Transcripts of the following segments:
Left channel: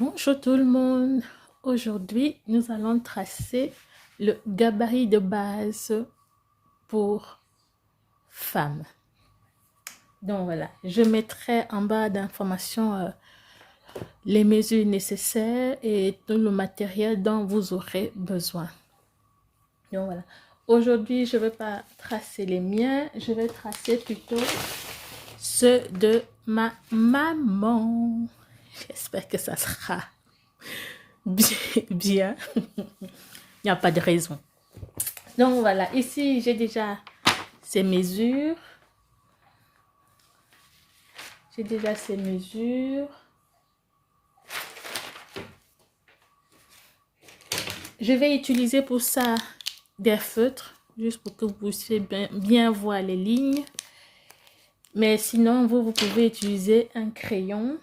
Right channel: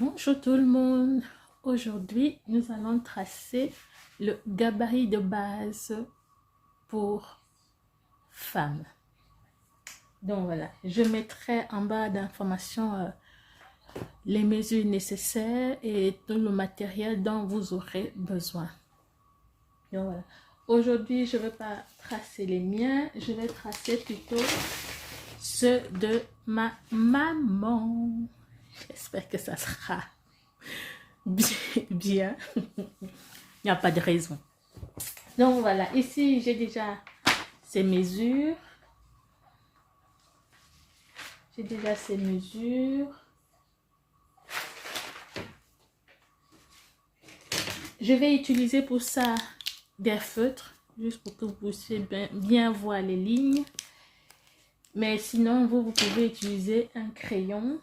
Bonjour tout le monde. Aujourd'hui, nous allons tracer le gabarit de base pour femmes. Donc voilà, je mettrai en barre d'informations les mesures nécessaires et tout le matériel dont vous aurez besoin. Donc voilà, aujourd'hui, je ne vais pas tracer les miens, je vais tracer plutôt ceux de ma maman. J'espère que ça sera bien. Il n'y a pas de raison. Donc voilà, ici j'ai déjà ces mesures. J'ai déjà ces mesures. Je vais utiliser pour ça des feutres, juste pour que vous puissiez bien voir les lignes. Mais sinon, vous pouvez utiliser un crayon.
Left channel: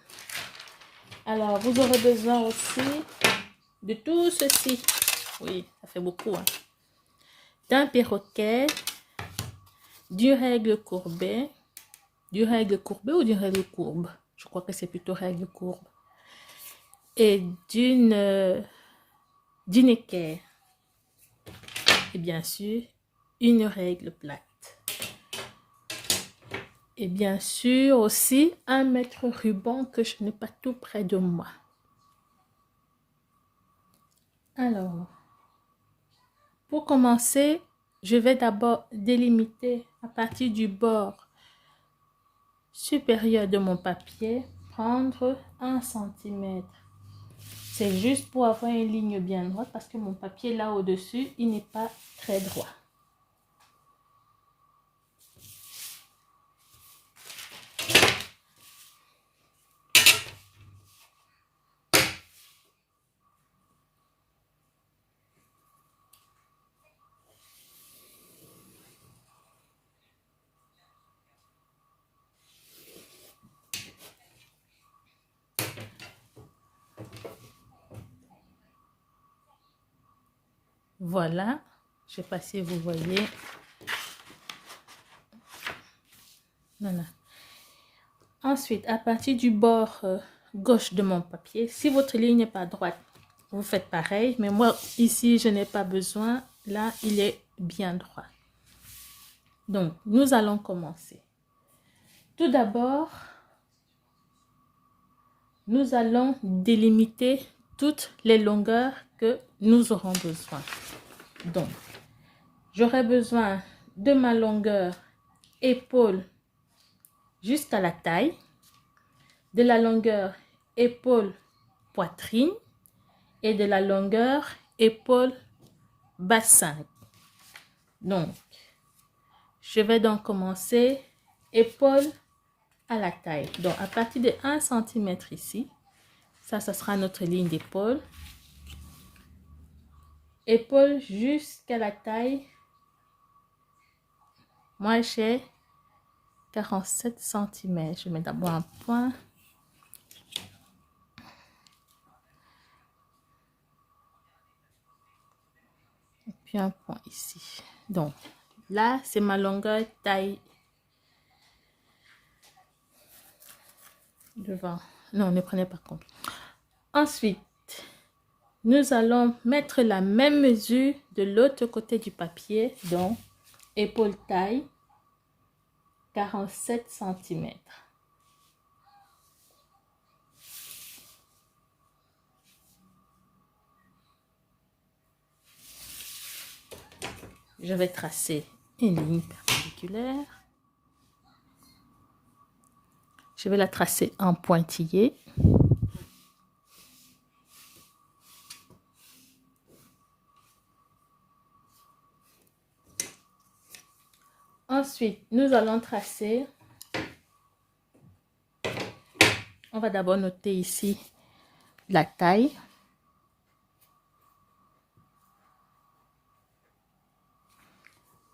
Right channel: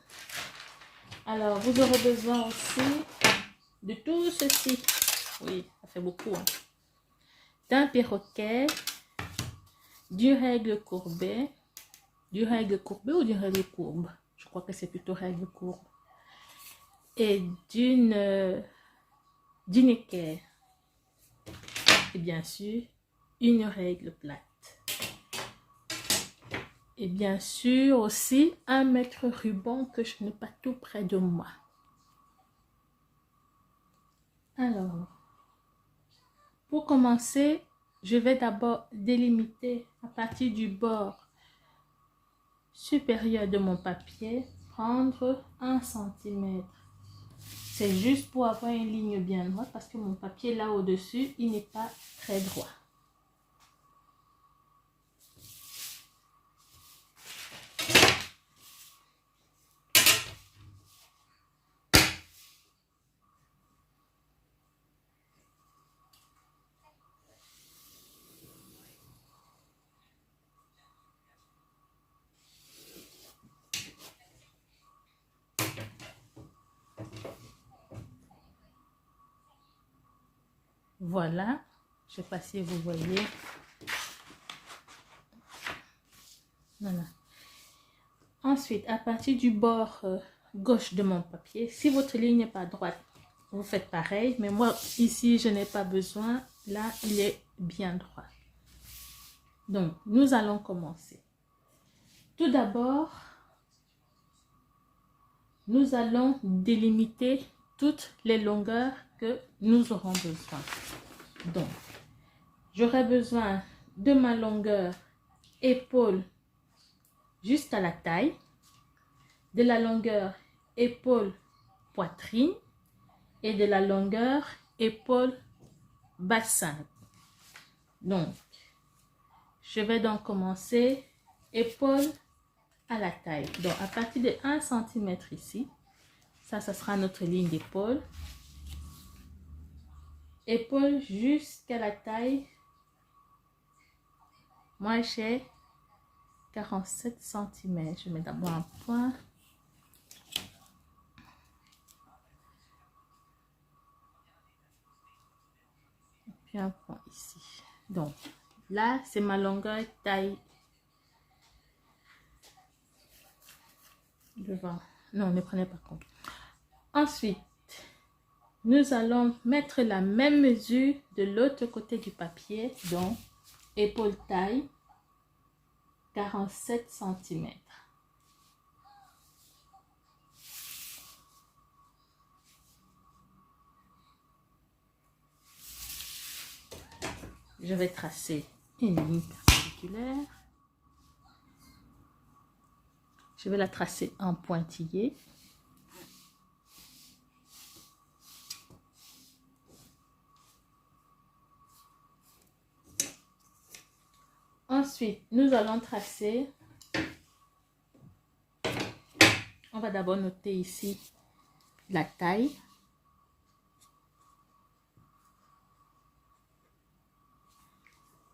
Alors, vous aurez besoin aussi de tout ceci. Oui, ça fait beaucoup. Hein. D'un perroquet, du règle courbée. Du règle courbée ou du règle courbe? Je crois que c'est plutôt règle courbe. Et d'une équerre. Et bien sûr, une règle plate. Et bien sûr aussi, un mètre ruban que je n'ai pas tout près de moi. Alors, pour commencer, je vais d'abord délimiter à partir du bord supérieur de mon papier, prendre 1 cm. C'est juste pour avoir une ligne bien droite parce que mon papier là au-dessus, il n'est pas très droit. Voilà, je ne sais pas si vous voyez. Voilà. Ensuite, à partir du bord gauche de mon papier, si votre ligne n'est pas droite, vous faites pareil. Mais moi, ici, je n'ai pas besoin. Là, il est bien droit. Donc, nous allons commencer. Tout d'abord, nous allons délimiter toutes les longueurs que nous aurons besoin. Donc, j'aurai besoin de ma longueur épaule jusqu'à la taille, de la longueur épaule-poitrine et de la longueur épaule-bassin. Donc, je vais donc commencer épaule à la taille. Donc, à partir de 1 cm ici, ça sera notre ligne d'épaule. Épaule jusqu'à la taille. Moi, j'ai 47 cm. Je mets d'abord un point. Et puis un point ici. Donc, là, c'est ma longueur taille devant. Non, ne prenez pas compte. Ensuite, nous allons mettre la même mesure de l'autre côté du papier. Donc, épaule taille, 47 cm. Je vais tracer une ligne perpendiculaire. Je vais la tracer en pointillé. Ensuite, nous allons tracer. On va d'abord noter ici la taille.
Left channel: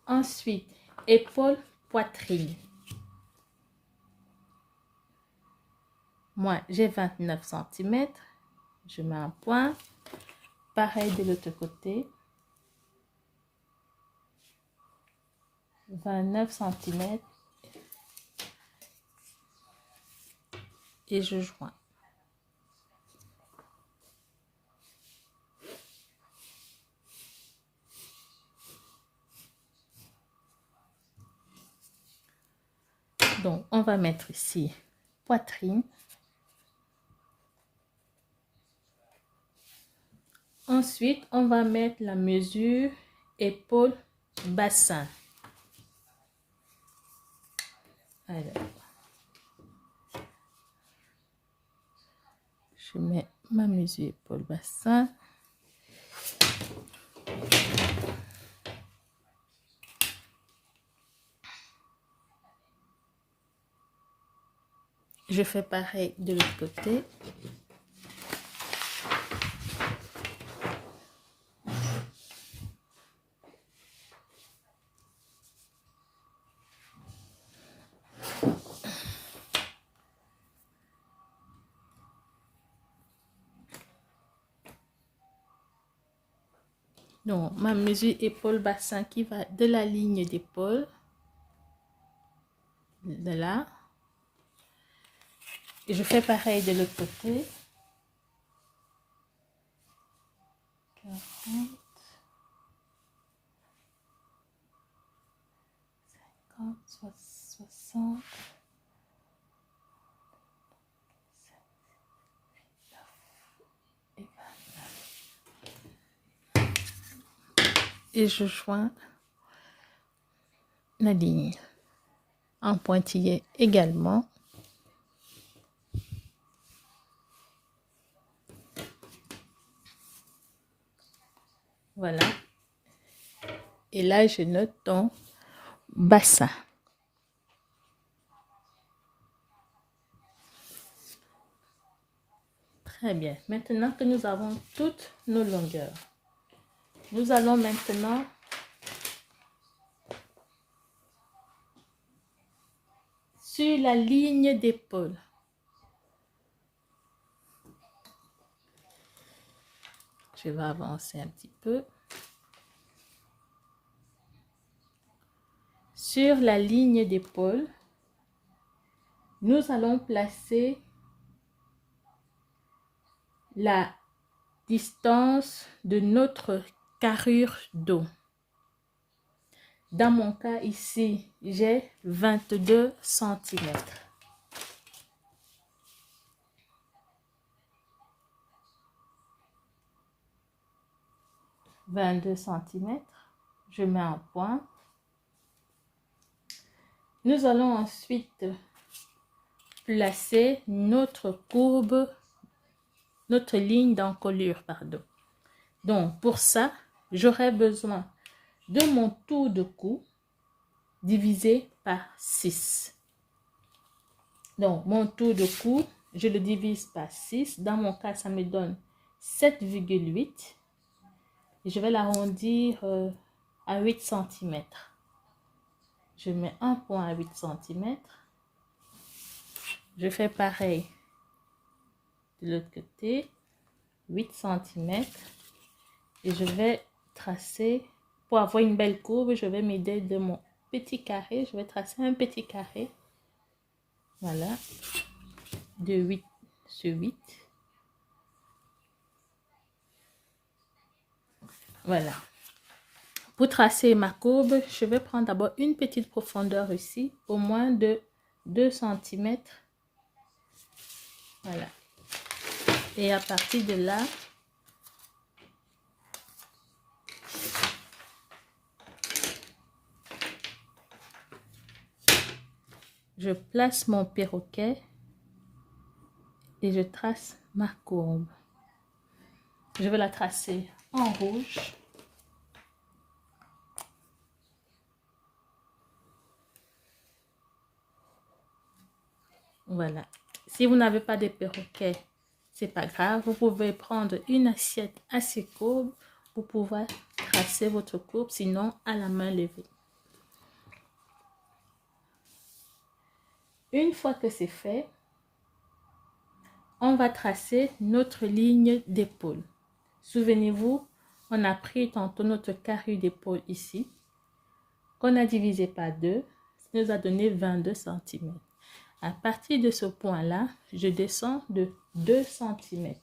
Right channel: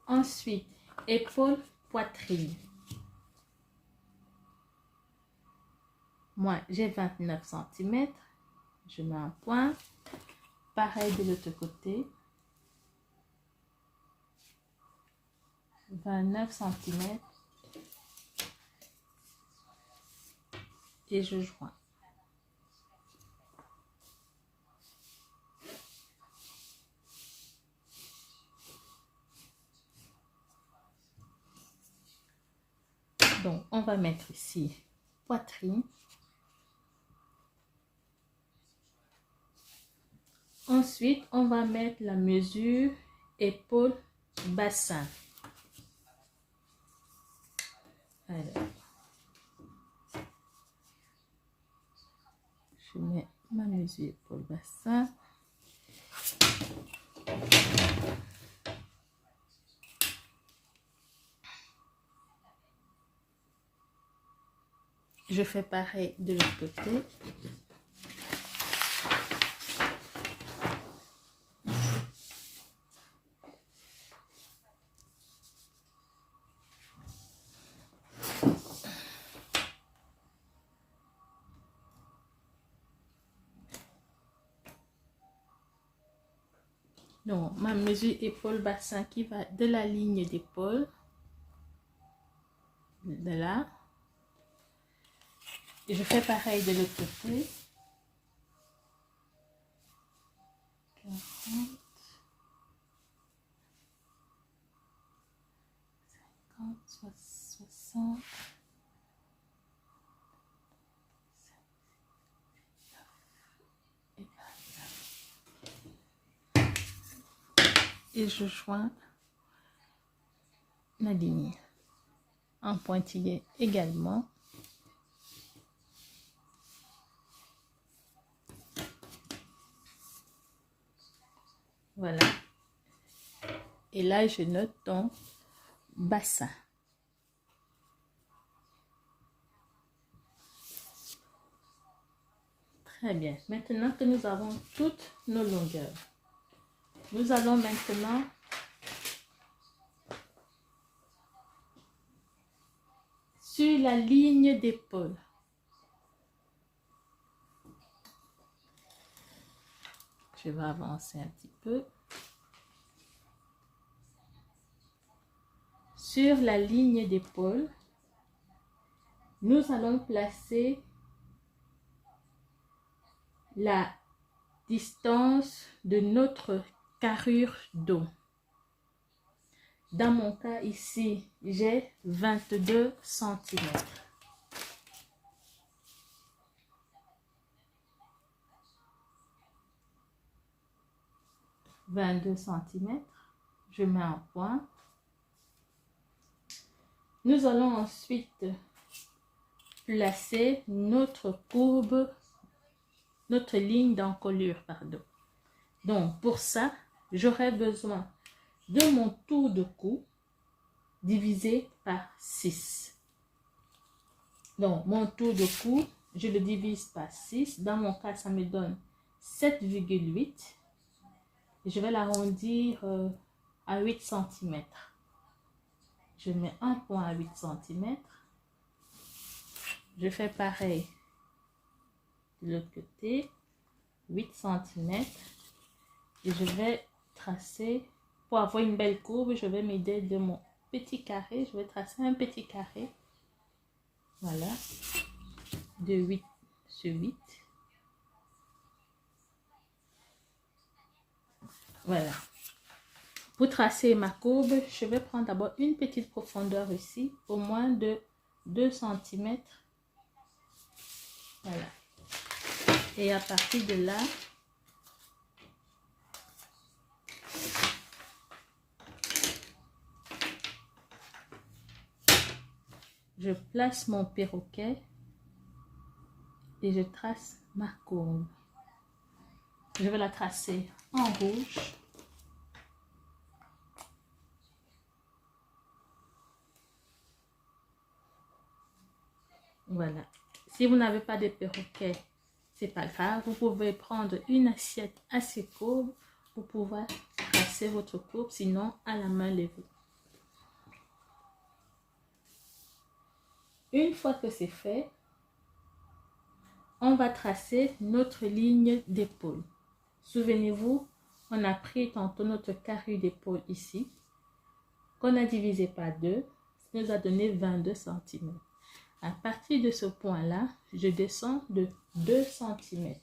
Ensuite, épaule, poitrine. Moi, j'ai 29 cm. Je mets un point. Pareil de l'autre côté. 29 cm. Et je joins. Donc, on va mettre ici poitrine. Ensuite, on va mettre la mesure épaule, bassin. Alors, je mets ma mesure épaule, bassin. Je fais pareil de l'autre côté. Donc, ma mesure épaule-bassin qui va de la ligne d'épaule, de là. Et je fais pareil de l'autre côté. 40, 50, 60, 29 et je joins la ligne en pointillé également. Voilà. Et là, je note ton bassin. Très bien. Maintenant que nous avons toutes nos longueurs, nous allons maintenant sur la ligne d'épaule. Je vais avancer un petit peu. Sur la ligne d'épaule, nous allons placer la distance de notre carrure d'eau. Dans mon cas ici, j'ai 22 cm. Je mets un point. Nous allons ensuite placer notre courbe, notre ligne d'encolure, pardon. Donc, pour ça, j'aurai besoin de mon tour de cou divisé par 6. Donc, mon tour de cou, je le divise par 6. Dans mon cas, ça me donne 7,8. Et je vais l'arrondir à 8 cm. Je mets un point à 8 cm. Je fais pareil de l'autre côté, 8 cm. Et je vais tracer, pour avoir une belle courbe, je vais m'aider de mon petit carré. Je vais tracer un petit carré. Voilà. De 8 sur 8. Voilà. Pour tracer ma courbe, je vais prendre d'abord une petite profondeur ici, au moins de 2 cm. Voilà. Et à partir de là, je place mon perroquet et je trace ma courbe. Je vais la tracer en rouge. Voilà. Si vous n'avez pas de perroquet, c'est pas grave. Vous pouvez prendre une assiette assez courbe pour pouvoir tracer votre courbe, sinon à la main levée. Une fois que c'est fait, on va tracer notre ligne d'épaule. Souvenez-vous, on a pris tantôt notre carrure d'épaule ici, qu'on a divisé par 2, ça nous a donné 22 cm. À partir de ce point-là, je descends de 2 cm.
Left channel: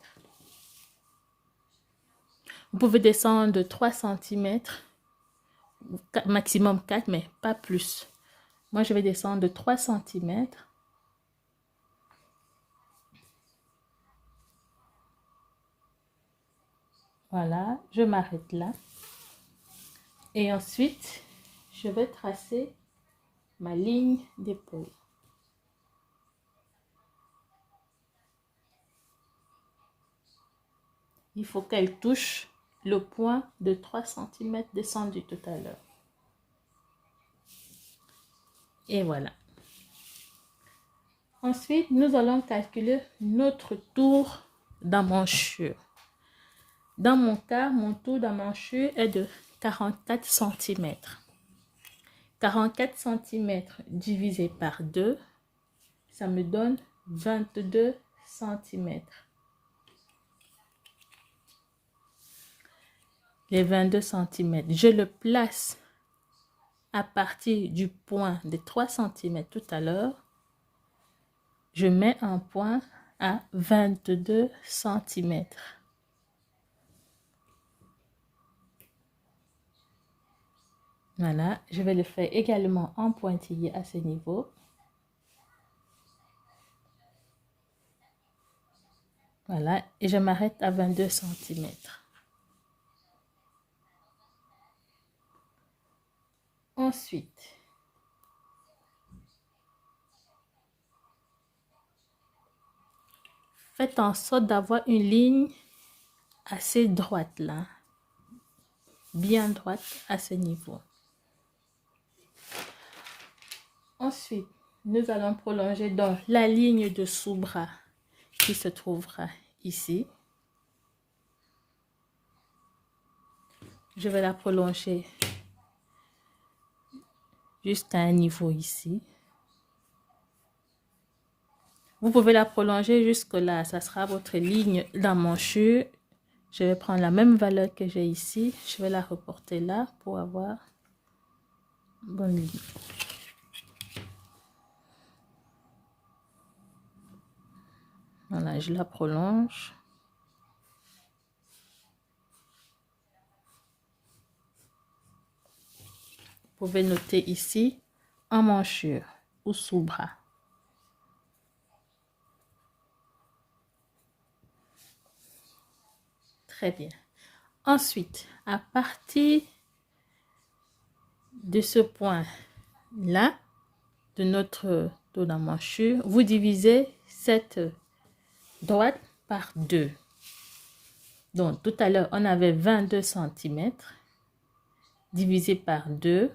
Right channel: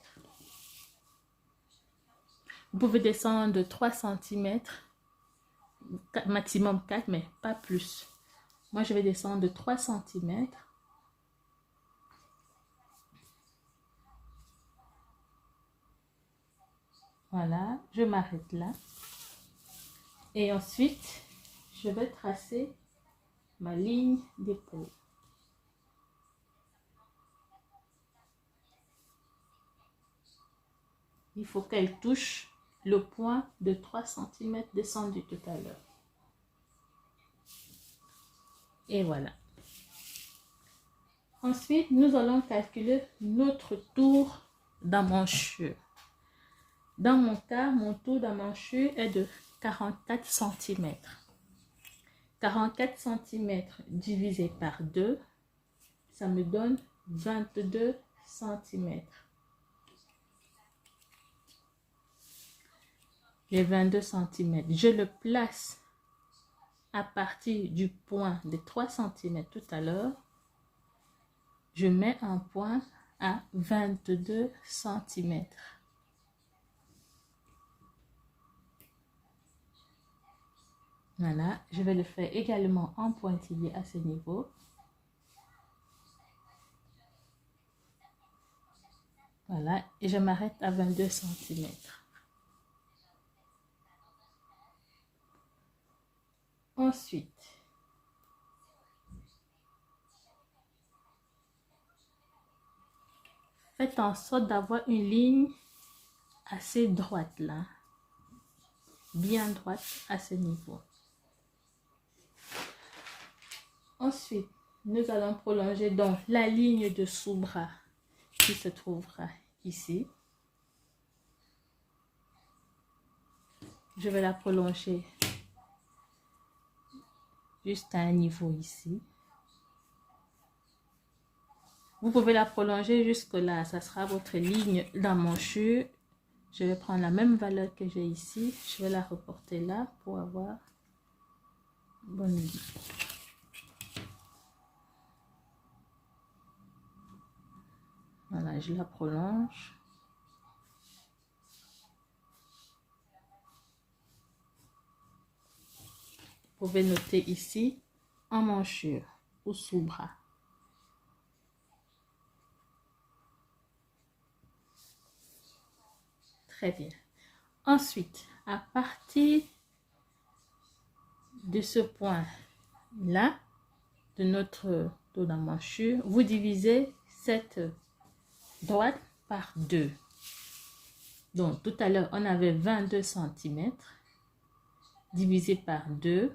Vous pouvez descendre de 3 cm, maximum 4, mais pas plus. Moi, je vais descendre de 3 cm. Voilà, je m'arrête là. Et ensuite, je vais tracer ma ligne d'épaule. Il faut qu'elle touche le point de 3 cm descendu tout à l'heure. Et voilà. Ensuite, nous allons calculer notre tour d'emmanchure. Dans mon cas, mon tour d'emmanchure est de 44 cm. 44 cm divisé par 2, ça me donne 22 cm. Les 22 cm, je le place à partir du point de 3 cm tout à l'heure. Je mets un point à 22 cm. Voilà, je vais le faire également en pointillé à ce niveau. Voilà, et je m'arrête à 22 cm. Ensuite, faites en sorte d'avoir une ligne assez droite là, bien droite à ce niveau. Ensuite, nous allons prolonger donc la ligne de sous-bras qui se trouvera ici. Je vais la prolonger jusqu'à un niveau ici. Vous pouvez la prolonger jusque là, ça sera votre ligne d'emmanchure. Je vais prendre la même valeur que j'ai ici, je vais la reporter là pour avoir une bonne ligne. Voilà, je la prolonge. Vous pouvez noter ici emmanchure ou sous-bras. Très bien. Ensuite, à partir de ce point-là, de notre dos d'emmanchure, vous divisez cette droite par 2. Donc, tout à l'heure, on avait 22 cm divisé par 2.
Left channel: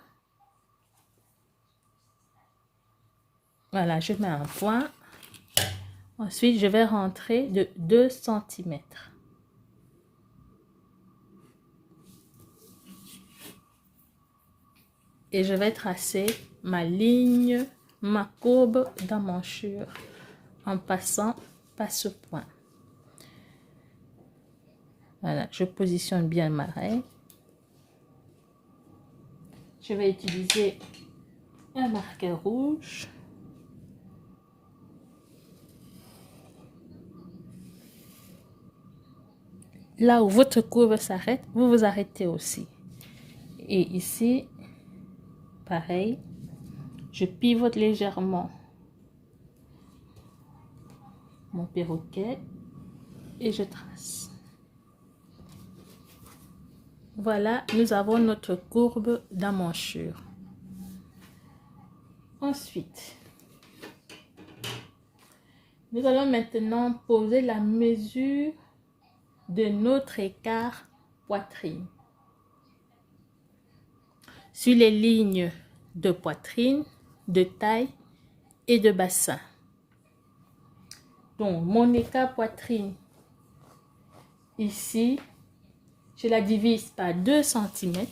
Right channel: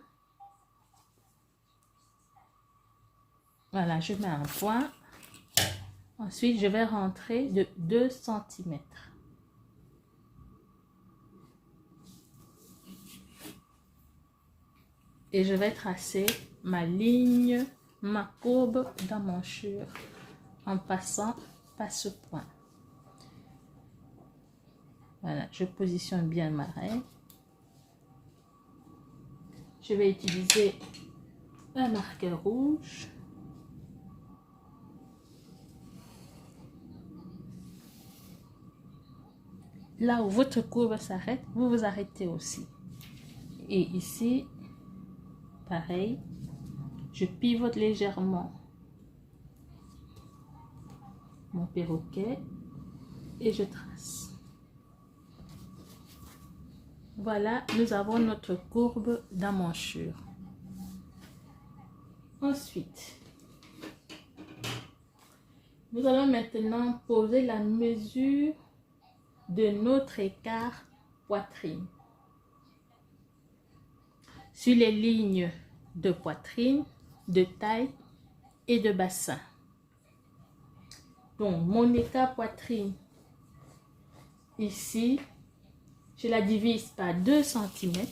Voilà, je mets un point. Ensuite, je vais rentrer de 2 cm. Et je vais tracer ma ligne, ma courbe d'emmanchure en passant par ce point. Voilà, je positionne bien ma règle. Je vais utiliser un marqueur rouge. Là où votre courbe s'arrête, vous vous arrêtez aussi. Et ici, pareil, je pivote légèrement mon perroquet et je trace. Voilà, nous avons notre courbe d'emmanchure. Ensuite, nous allons maintenant poser la mesure de notre écart poitrine. Sur les lignes de poitrine, de taille et de bassin. Donc, mon écart poitrine, ici, je la divise par 2 cm.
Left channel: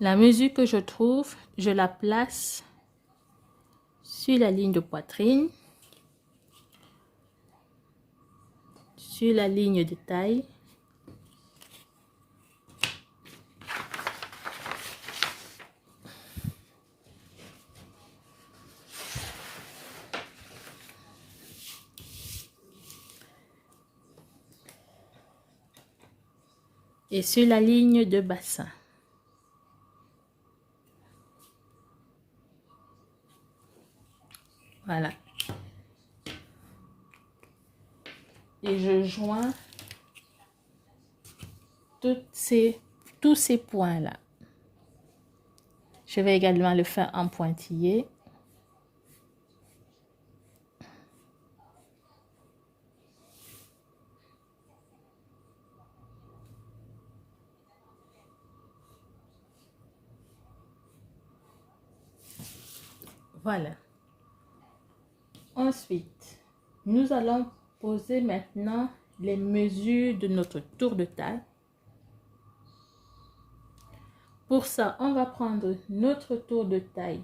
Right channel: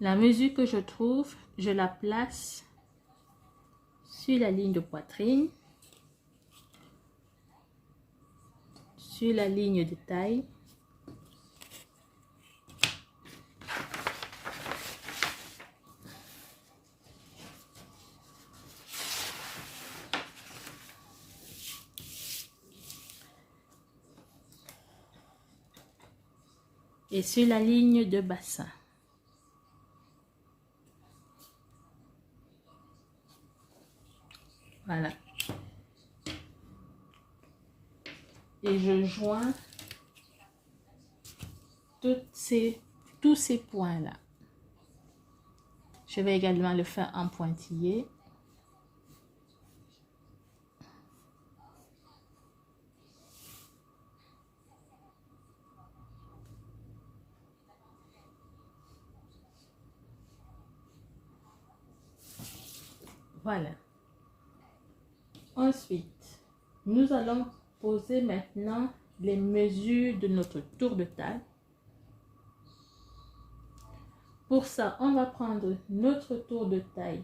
La mesure que je trouve, je la place sur la ligne de poitrine, sur la ligne de taille, et sur la ligne de bassin. Voilà. Et je joins tous ces points-là. Je vais également le faire en pointillé. Voilà. Ensuite, nous allons poser maintenant les mesures de notre tour de taille. Pour ça, on va prendre notre tour de taille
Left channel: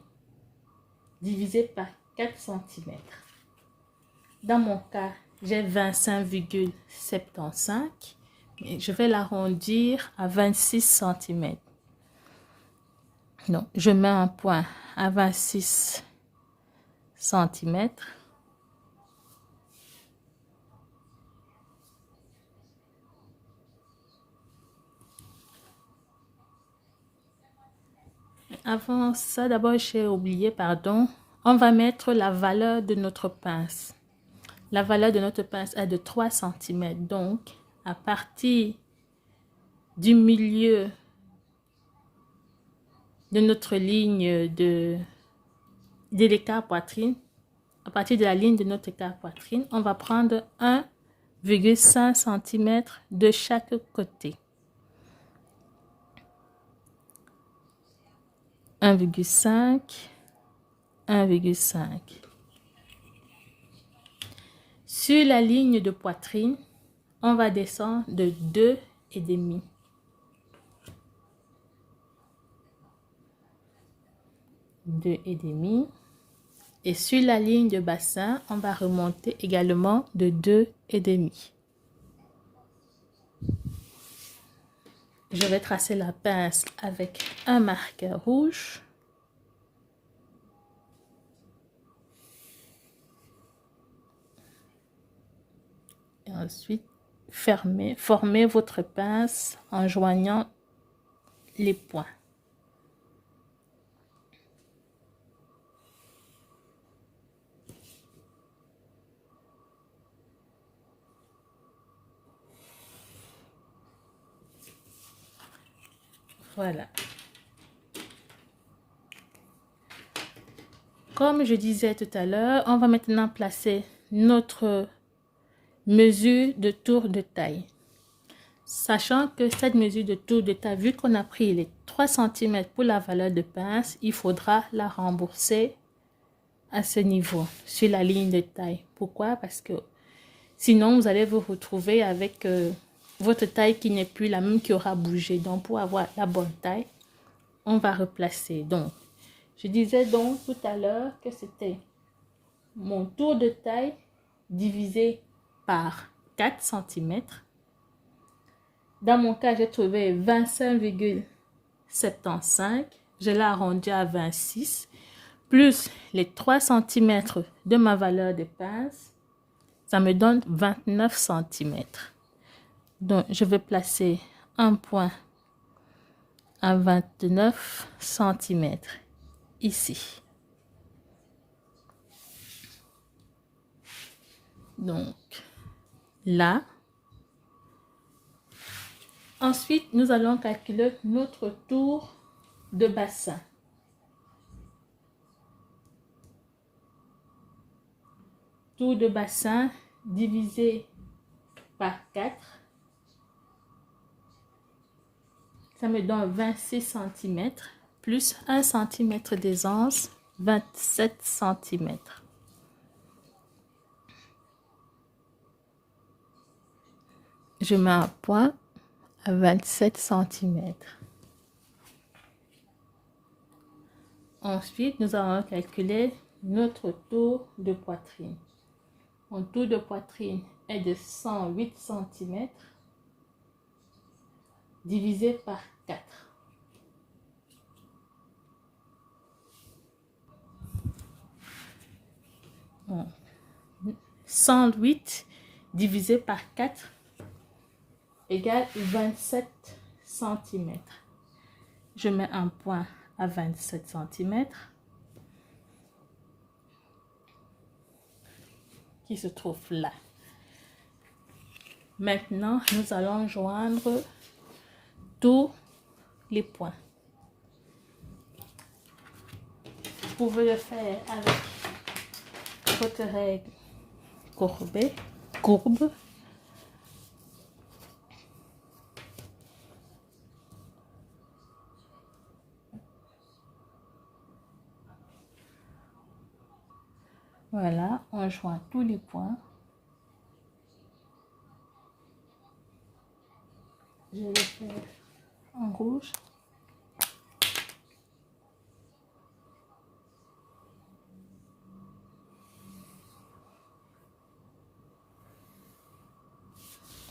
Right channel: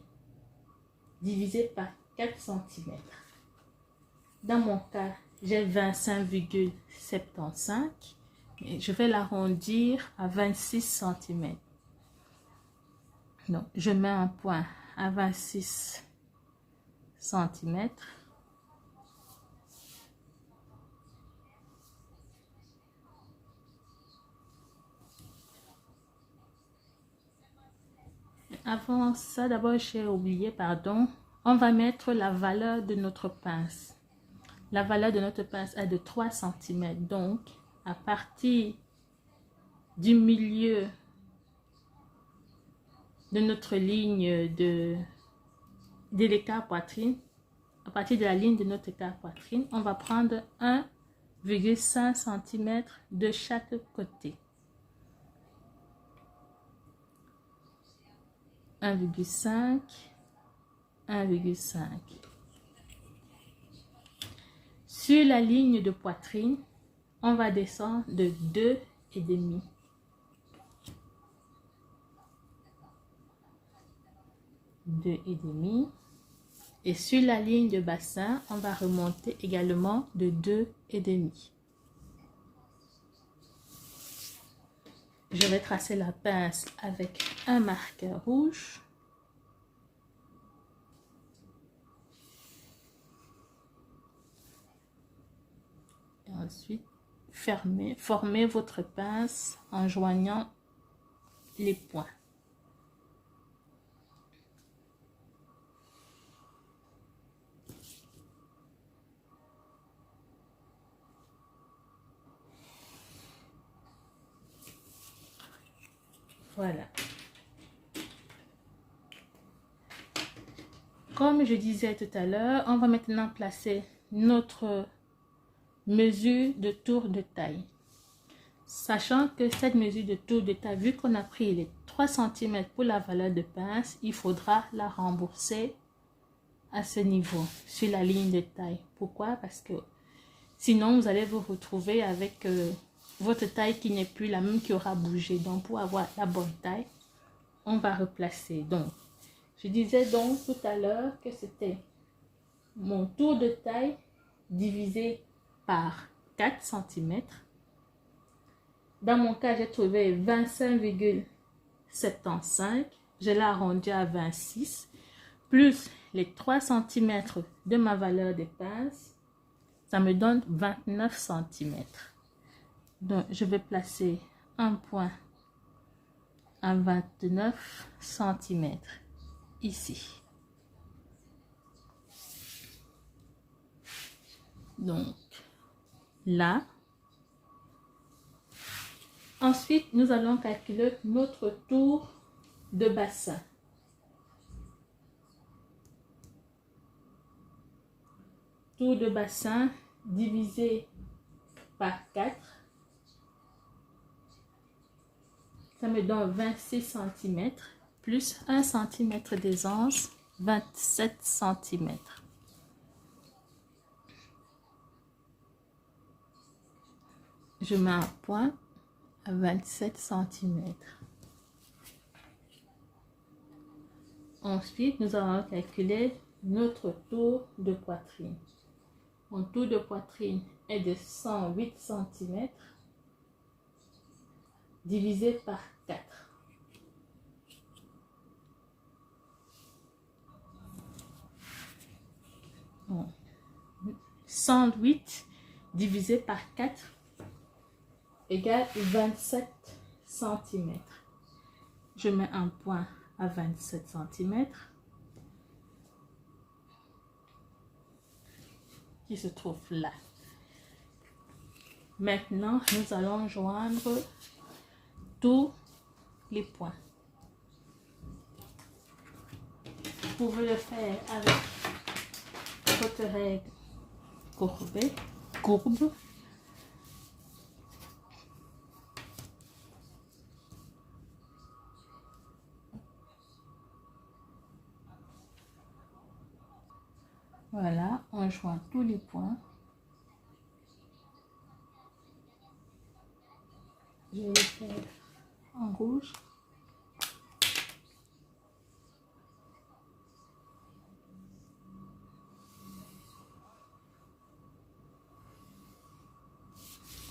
divisé par 4 cm. Dans mon cas, j'ai 25,75 et je vais l'arrondir à 26 cm. Donc, je mets un point à 26 cm. Avant ça, d'abord, j'ai oublié, pardon. On va mettre la valeur de notre pince. La valeur de notre pince est de 3 cm. Donc, à partir du milieu de notre ligne de l'écart poitrine, à partir de la ligne de notre écart poitrine, on va prendre 1,5 cm de chaque côté. 1,5, 1,5. Sur la ligne de poitrine, on va descendre de 2,5. 2,5. Et sur la ligne de bassin, on va remonter également de 2,5. Je vais tracer la pince avec un marqueur rouge. Et ensuite, formez votre pince en joignant les points. Voilà. Comme je disais tout à l'heure, on va maintenant placer notre mesure de tour de taille. Sachant que cette mesure de tour de taille, vu qu'on a pris les 3 cm pour la valeur de pince, il faudra la rembourser à ce niveau, sur la ligne de taille. Pourquoi? Parce que sinon, vous allez vous retrouver avec votre taille qui n'est plus la même, qui aura bougé. Donc, pour avoir la bonne taille, on va replacer. Donc, je disais donc tout à l'heure que c'était mon tour de taille divisé par 4 cm. Dans mon cas, j'ai trouvé 25,75. Je l'ai arrondi à 26. Plus les 3 cm de ma valeur de pince, ça me donne 29 cm. Donc, je vais placer un point à 29 cm ici. Donc, là. Ensuite, nous allons calculer notre tour de bassin. Tour de bassin divisé par 4. Ça me donne 26 cm plus 1 cm d'aisance, 27 cm. Je mets un point à 27 cm. Ensuite, nous allons calculer notre tour de poitrine. Mon tour de poitrine est de 108 cm divisé par 4. Bon. 108 divisé par 4 égale 27 cm. Je mets un point à 27 cm. qui se trouve là. Maintenant, nous allons joindre tous les points. Vous pouvez le faire avec votre règle courbe. Voilà, on joint tous les points. Je vais le faire en rouge.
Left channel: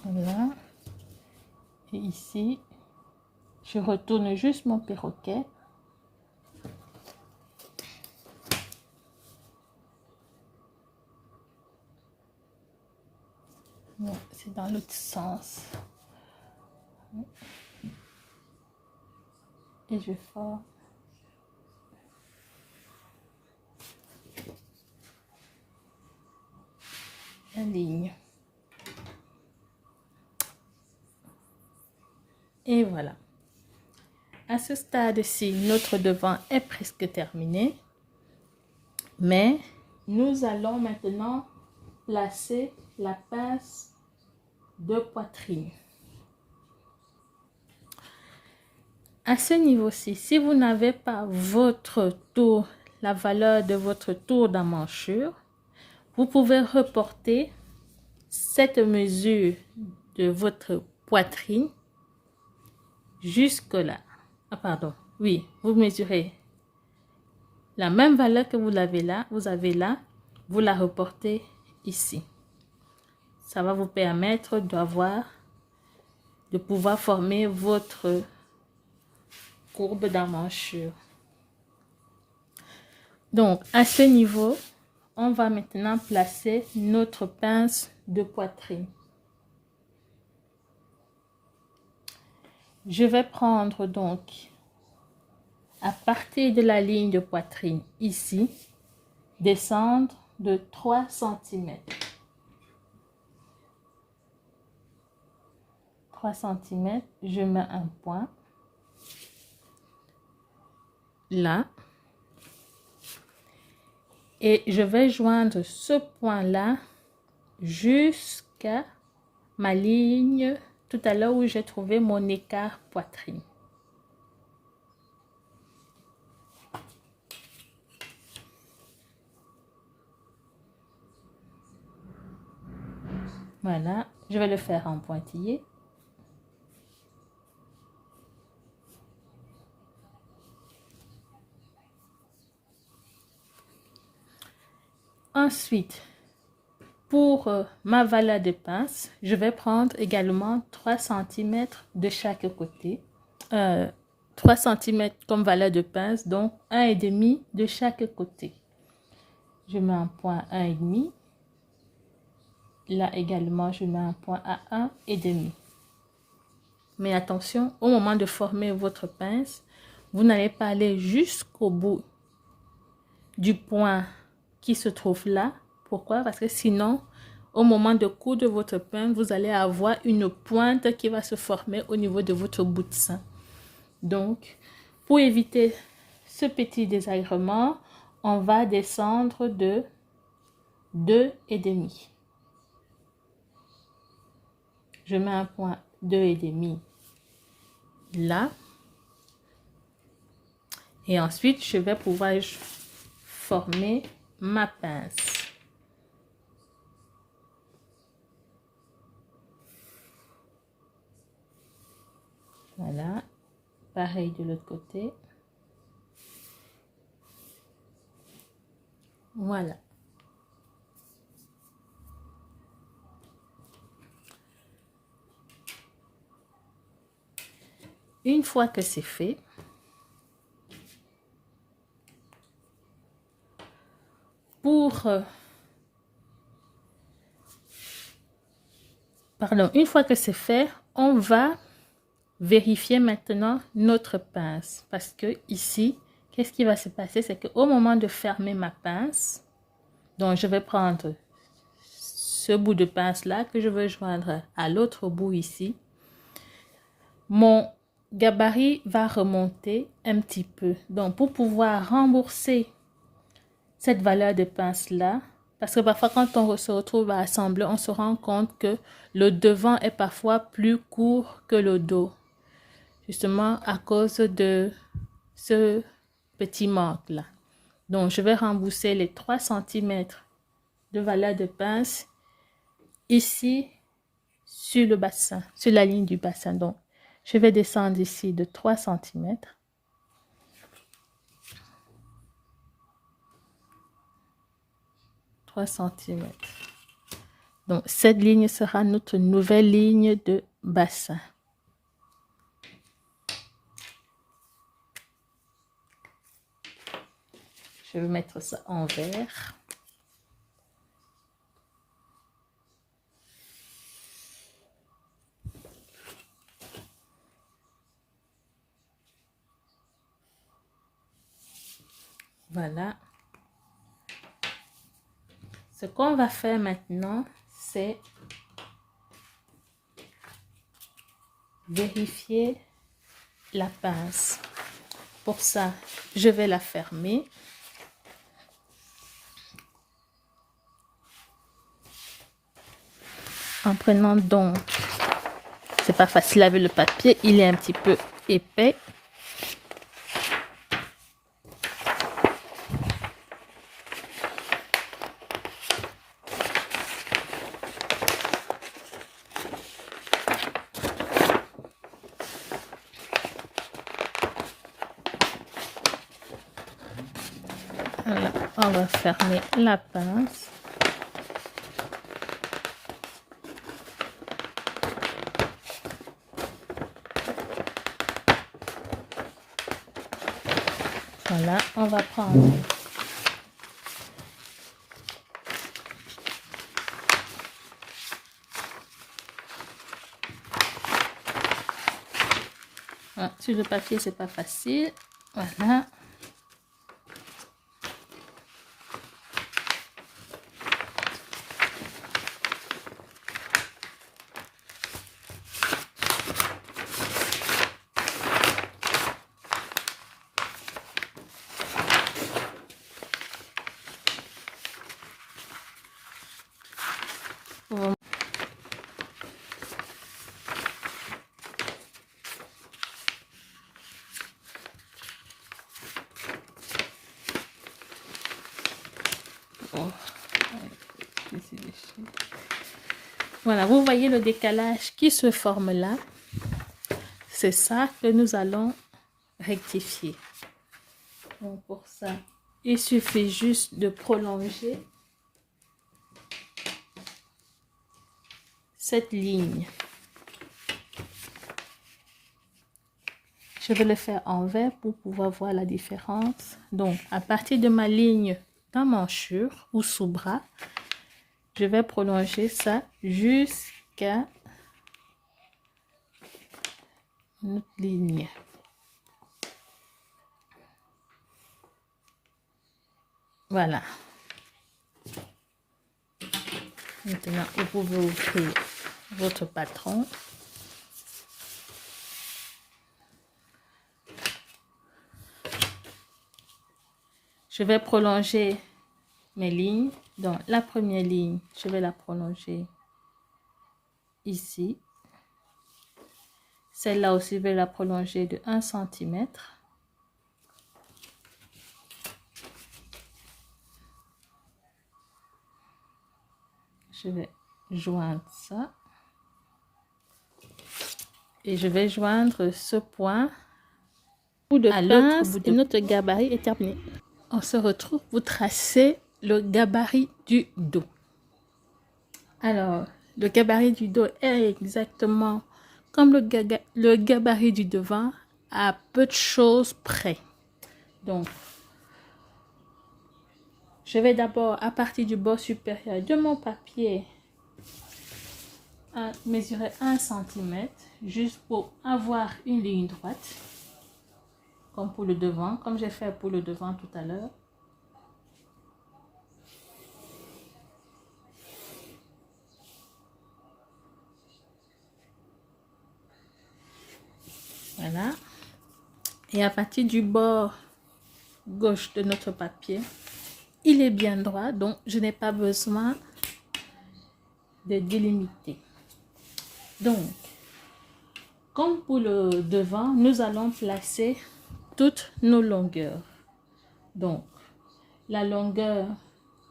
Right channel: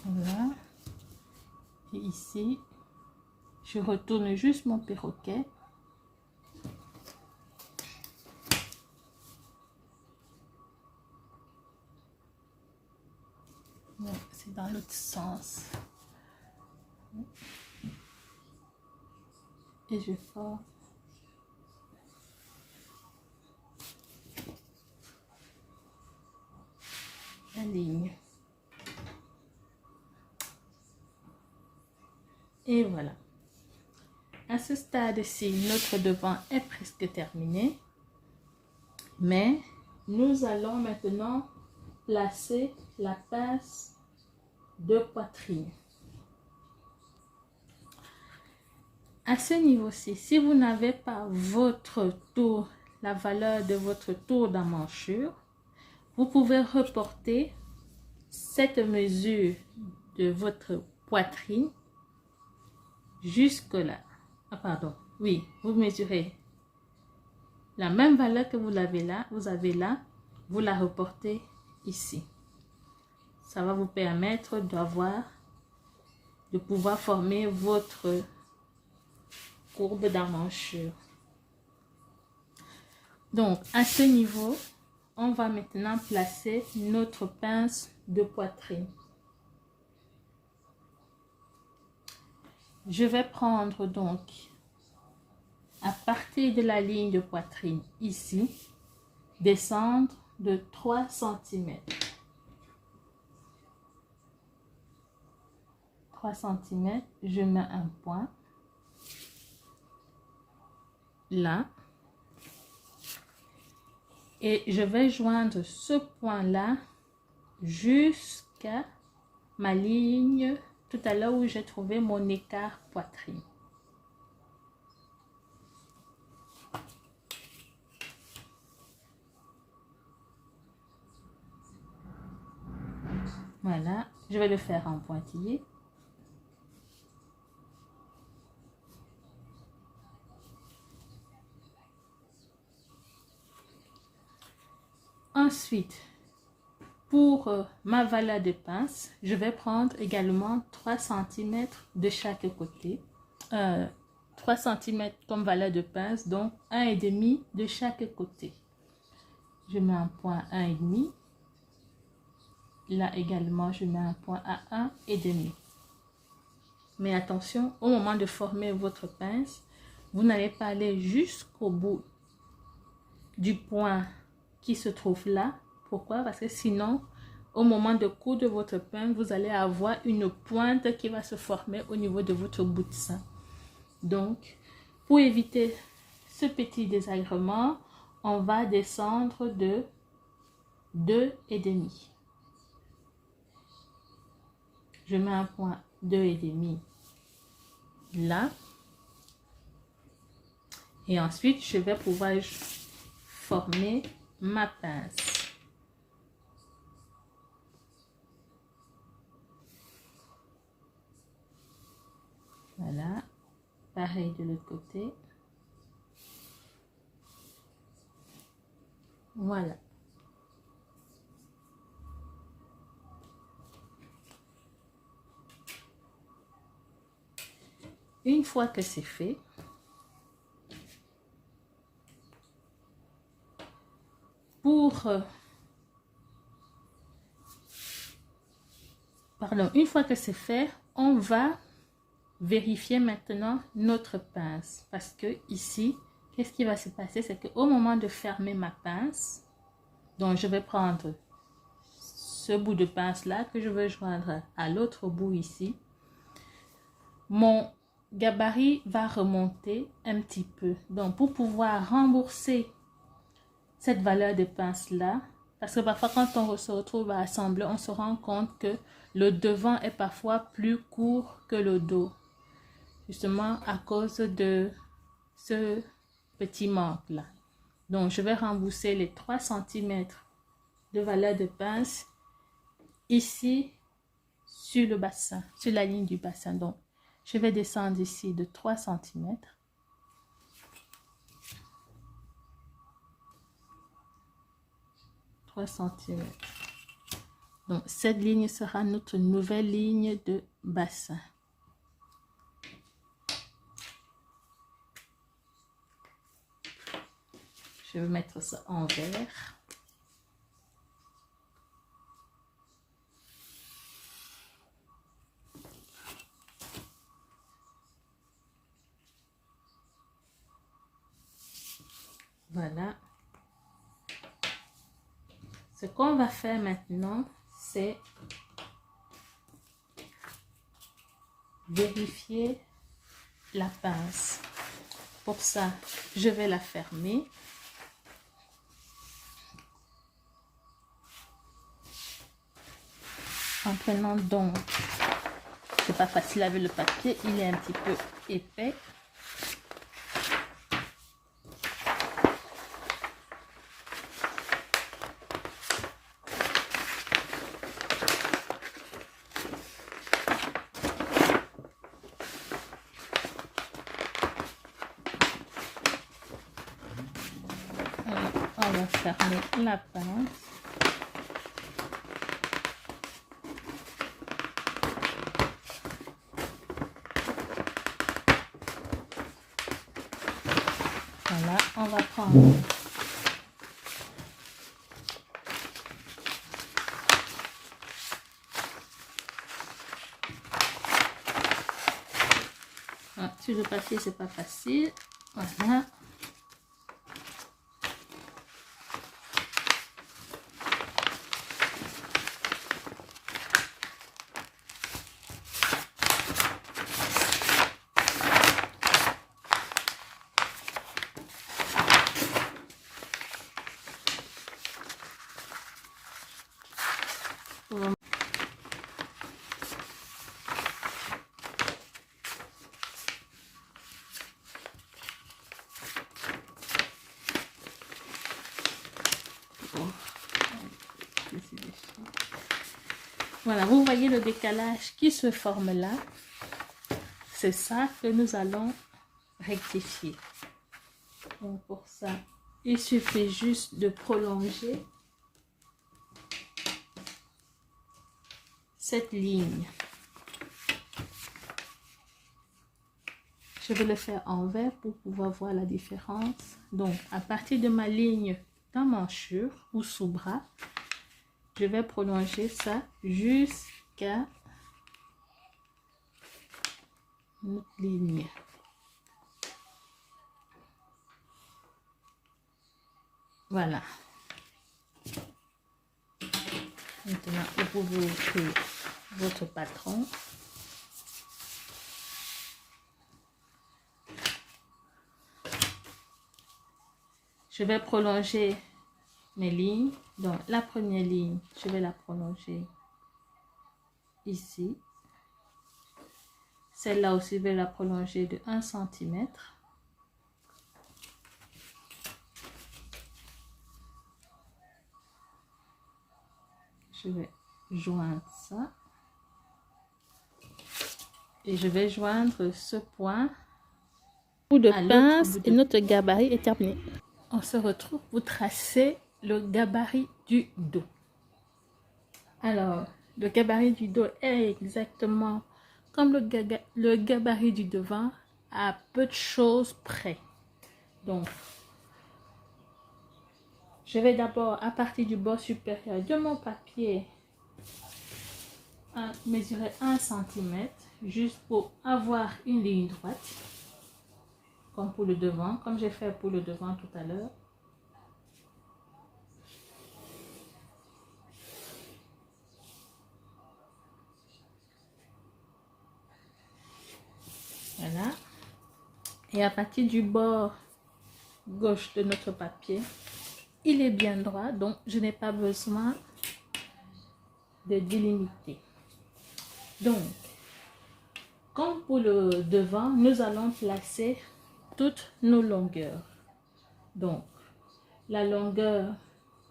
Voilà. Et ici, je retourne juste mon perroquet. Bon, c'est dans l'autre sens. Et je forme la ligne. Et voilà. À ce stade-ci, notre devant est presque terminé. Mais nous allons maintenant placer la pince de poitrine. À ce niveau-ci, si vous n'avez pas votre tour, la valeur de votre tour d'emmanchure, vous pouvez reporter cette mesure de votre poitrine jusque là. Ah pardon, oui, vous mesurez la même valeur que vous avez là, vous la reportez ici. Ça va vous permettre de pouvoir former votre courbe d'emmanchure. Donc, à ce niveau, on va maintenant placer notre pince de poitrine. Je vais prendre donc, à partir de la ligne de poitrine ici, descendre de 3 cm. 3 cm, je mets un point là. Et je vais joindre ce point-là jusqu'à ma ligne tout à l'heure où j'ai trouvé mon écart poitrine. Voilà, je vais le faire en pointillé. Ensuite, pour ma valeur de pince, je vais prendre également 3 cm de chaque côté. 3 cm comme valeur de pince, donc 1,5 de chaque côté. Je mets un point 1,5. Là également, je mets un point à 1,5. Mais attention, au moment de former votre pince, vous n'allez pas aller jusqu'au bout du point qui se trouve là. Pourquoi? Parce que sinon, au moment de coudre votre pince, vous allez avoir une pointe qui va se former au niveau de votre bout de sein. Donc, pour éviter ce petit désagrément, on va descendre de 2,5. Je mets un point 2,5 là. Et ensuite, je vais pouvoir former ma pince. Voilà. Pareil de l'autre côté. Voilà. Une fois que c'est fait, une fois que c'est fait, on va vérifier maintenant notre pince. Parce que ici, qu'est-ce qui va se passer? C'est qu'au moment de fermer ma pince, donc je vais prendre ce bout de pince là que je veux joindre à l'autre bout ici, mon gabarit va remonter un petit peu. Donc pour pouvoir rembourser cette valeur de pince là, parce que parfois quand on se retrouve à assembler, on se rend compte que le devant est parfois plus court que le dos, justement à cause de ce petit manque là. Donc je vais rembourser les 3 cm de valeur de pince ici sur le bassin, sur la ligne du bassin. Donc je vais descendre ici de 3 cm. Donc cette ligne sera notre nouvelle ligne de bassin. Je vais mettre ça en vert. Voilà. Ce qu'on va faire maintenant, c'est vérifier la pince. Pour ça, je vais la fermer. En prenant donc, c'est pas facile avec le papier, il est un petit peu épais. Alors, on va fermer la pince. Voilà, on va prendre sur le papier, c'est pas facile. Voilà. Voilà, vous voyez le décalage qui se forme là. C'est ça que nous allons rectifier. Donc pour ça, il suffit juste de prolonger cette ligne. Je vais le faire en vert pour pouvoir voir la différence. Donc à partir de ma ligne d'emmanchure ou sous-bras, je vais prolonger ça jusqu'à notre ligne. Voilà. Maintenant, vous pouvez ouvrir votre patron. Je vais prolonger mes lignes. Donc, la première ligne, je vais la prolonger ici. Celle-là aussi, je vais la prolonger de 1 cm. Je vais joindre ça. Et je vais joindre ce point. Bout de pince et notre gabarit est terminé. On se retrouve pour tracer le gabarit du dos. Alors, le gabarit du dos est exactement comme le gabarit du devant, à peu de choses près. Donc, je vais d'abord, à partir du bord supérieur de mon papier, mesurer 1 cm, juste pour avoir une ligne droite, comme pour le devant, comme j'ai fait pour le devant tout à l'heure. Voilà. Et à partir du bord gauche de notre papier, il est bien droit, donc je n'ai pas besoin de délimiter. Donc, comme pour le devant, nous allons placer toutes nos longueurs. Donc, la longueur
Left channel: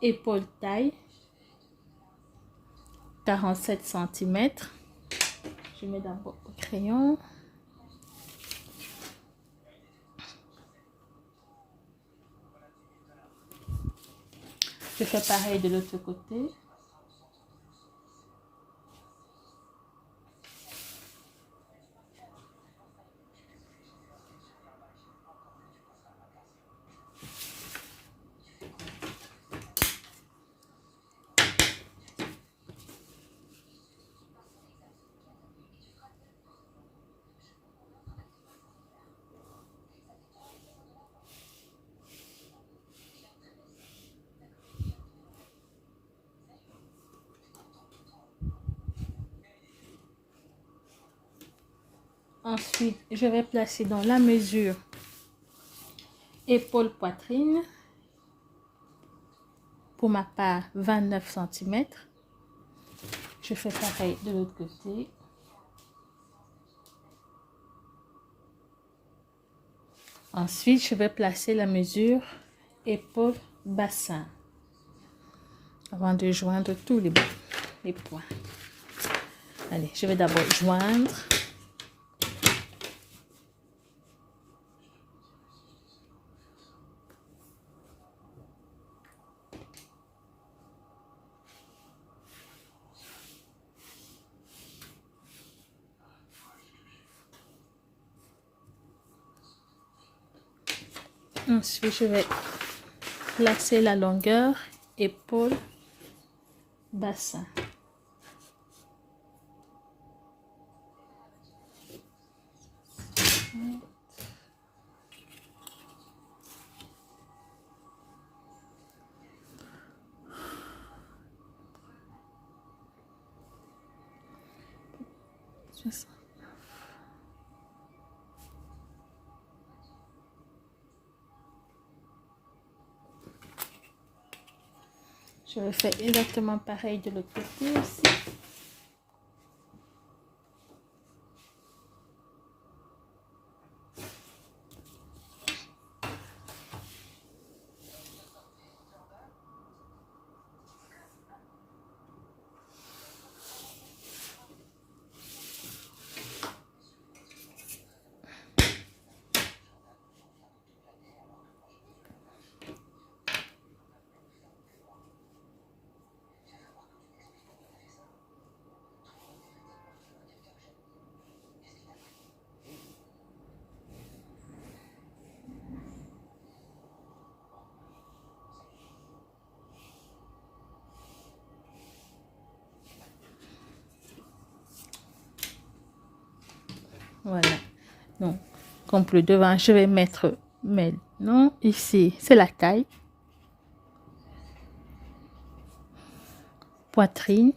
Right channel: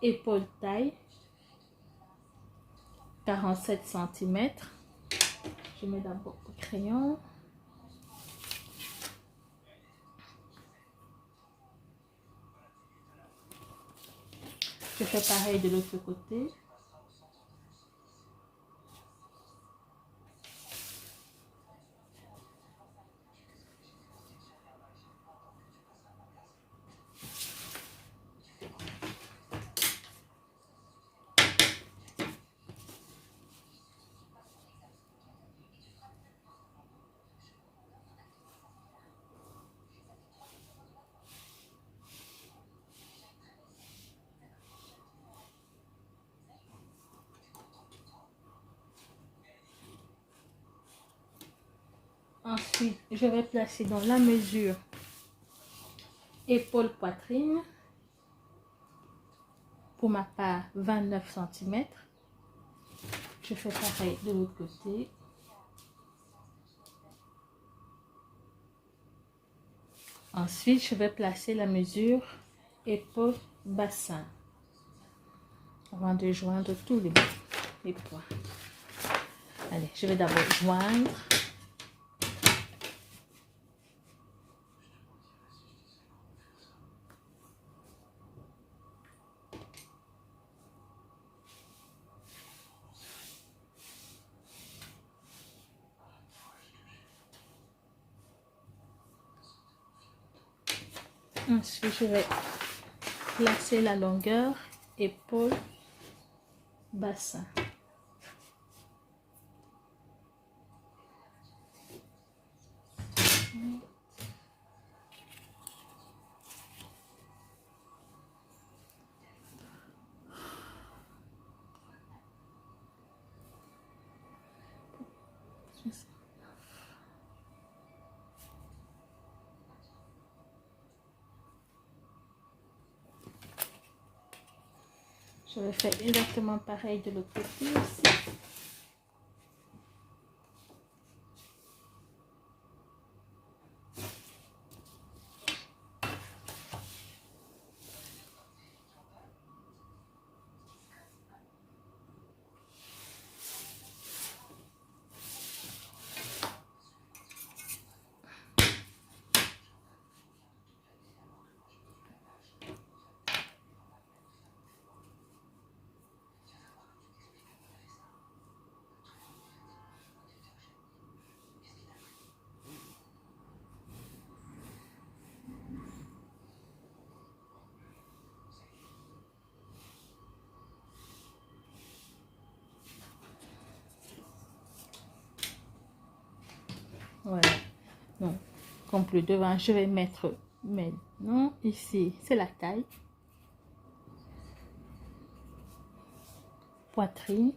épaule-taille, 47 cm. Je mets d'abord au crayon. Je fais pareil de l'autre côté. Ensuite, je vais placer dans la mesure épaule-poitrine. Pour ma part, 29 cm. Je fais pareil de l'autre côté. Ensuite, je vais placer la mesure épaule-bassin avant de joindre tous les points. Allez, je vais d'abord joindre. Ensuite, je vais placer la longueur épaule-bassin. Je vais faire exactement pareil de l'autre côté aussi. Voilà. Donc, comme pour le devant, je vais mettre maintenant ici, c'est la taille. Poitrine.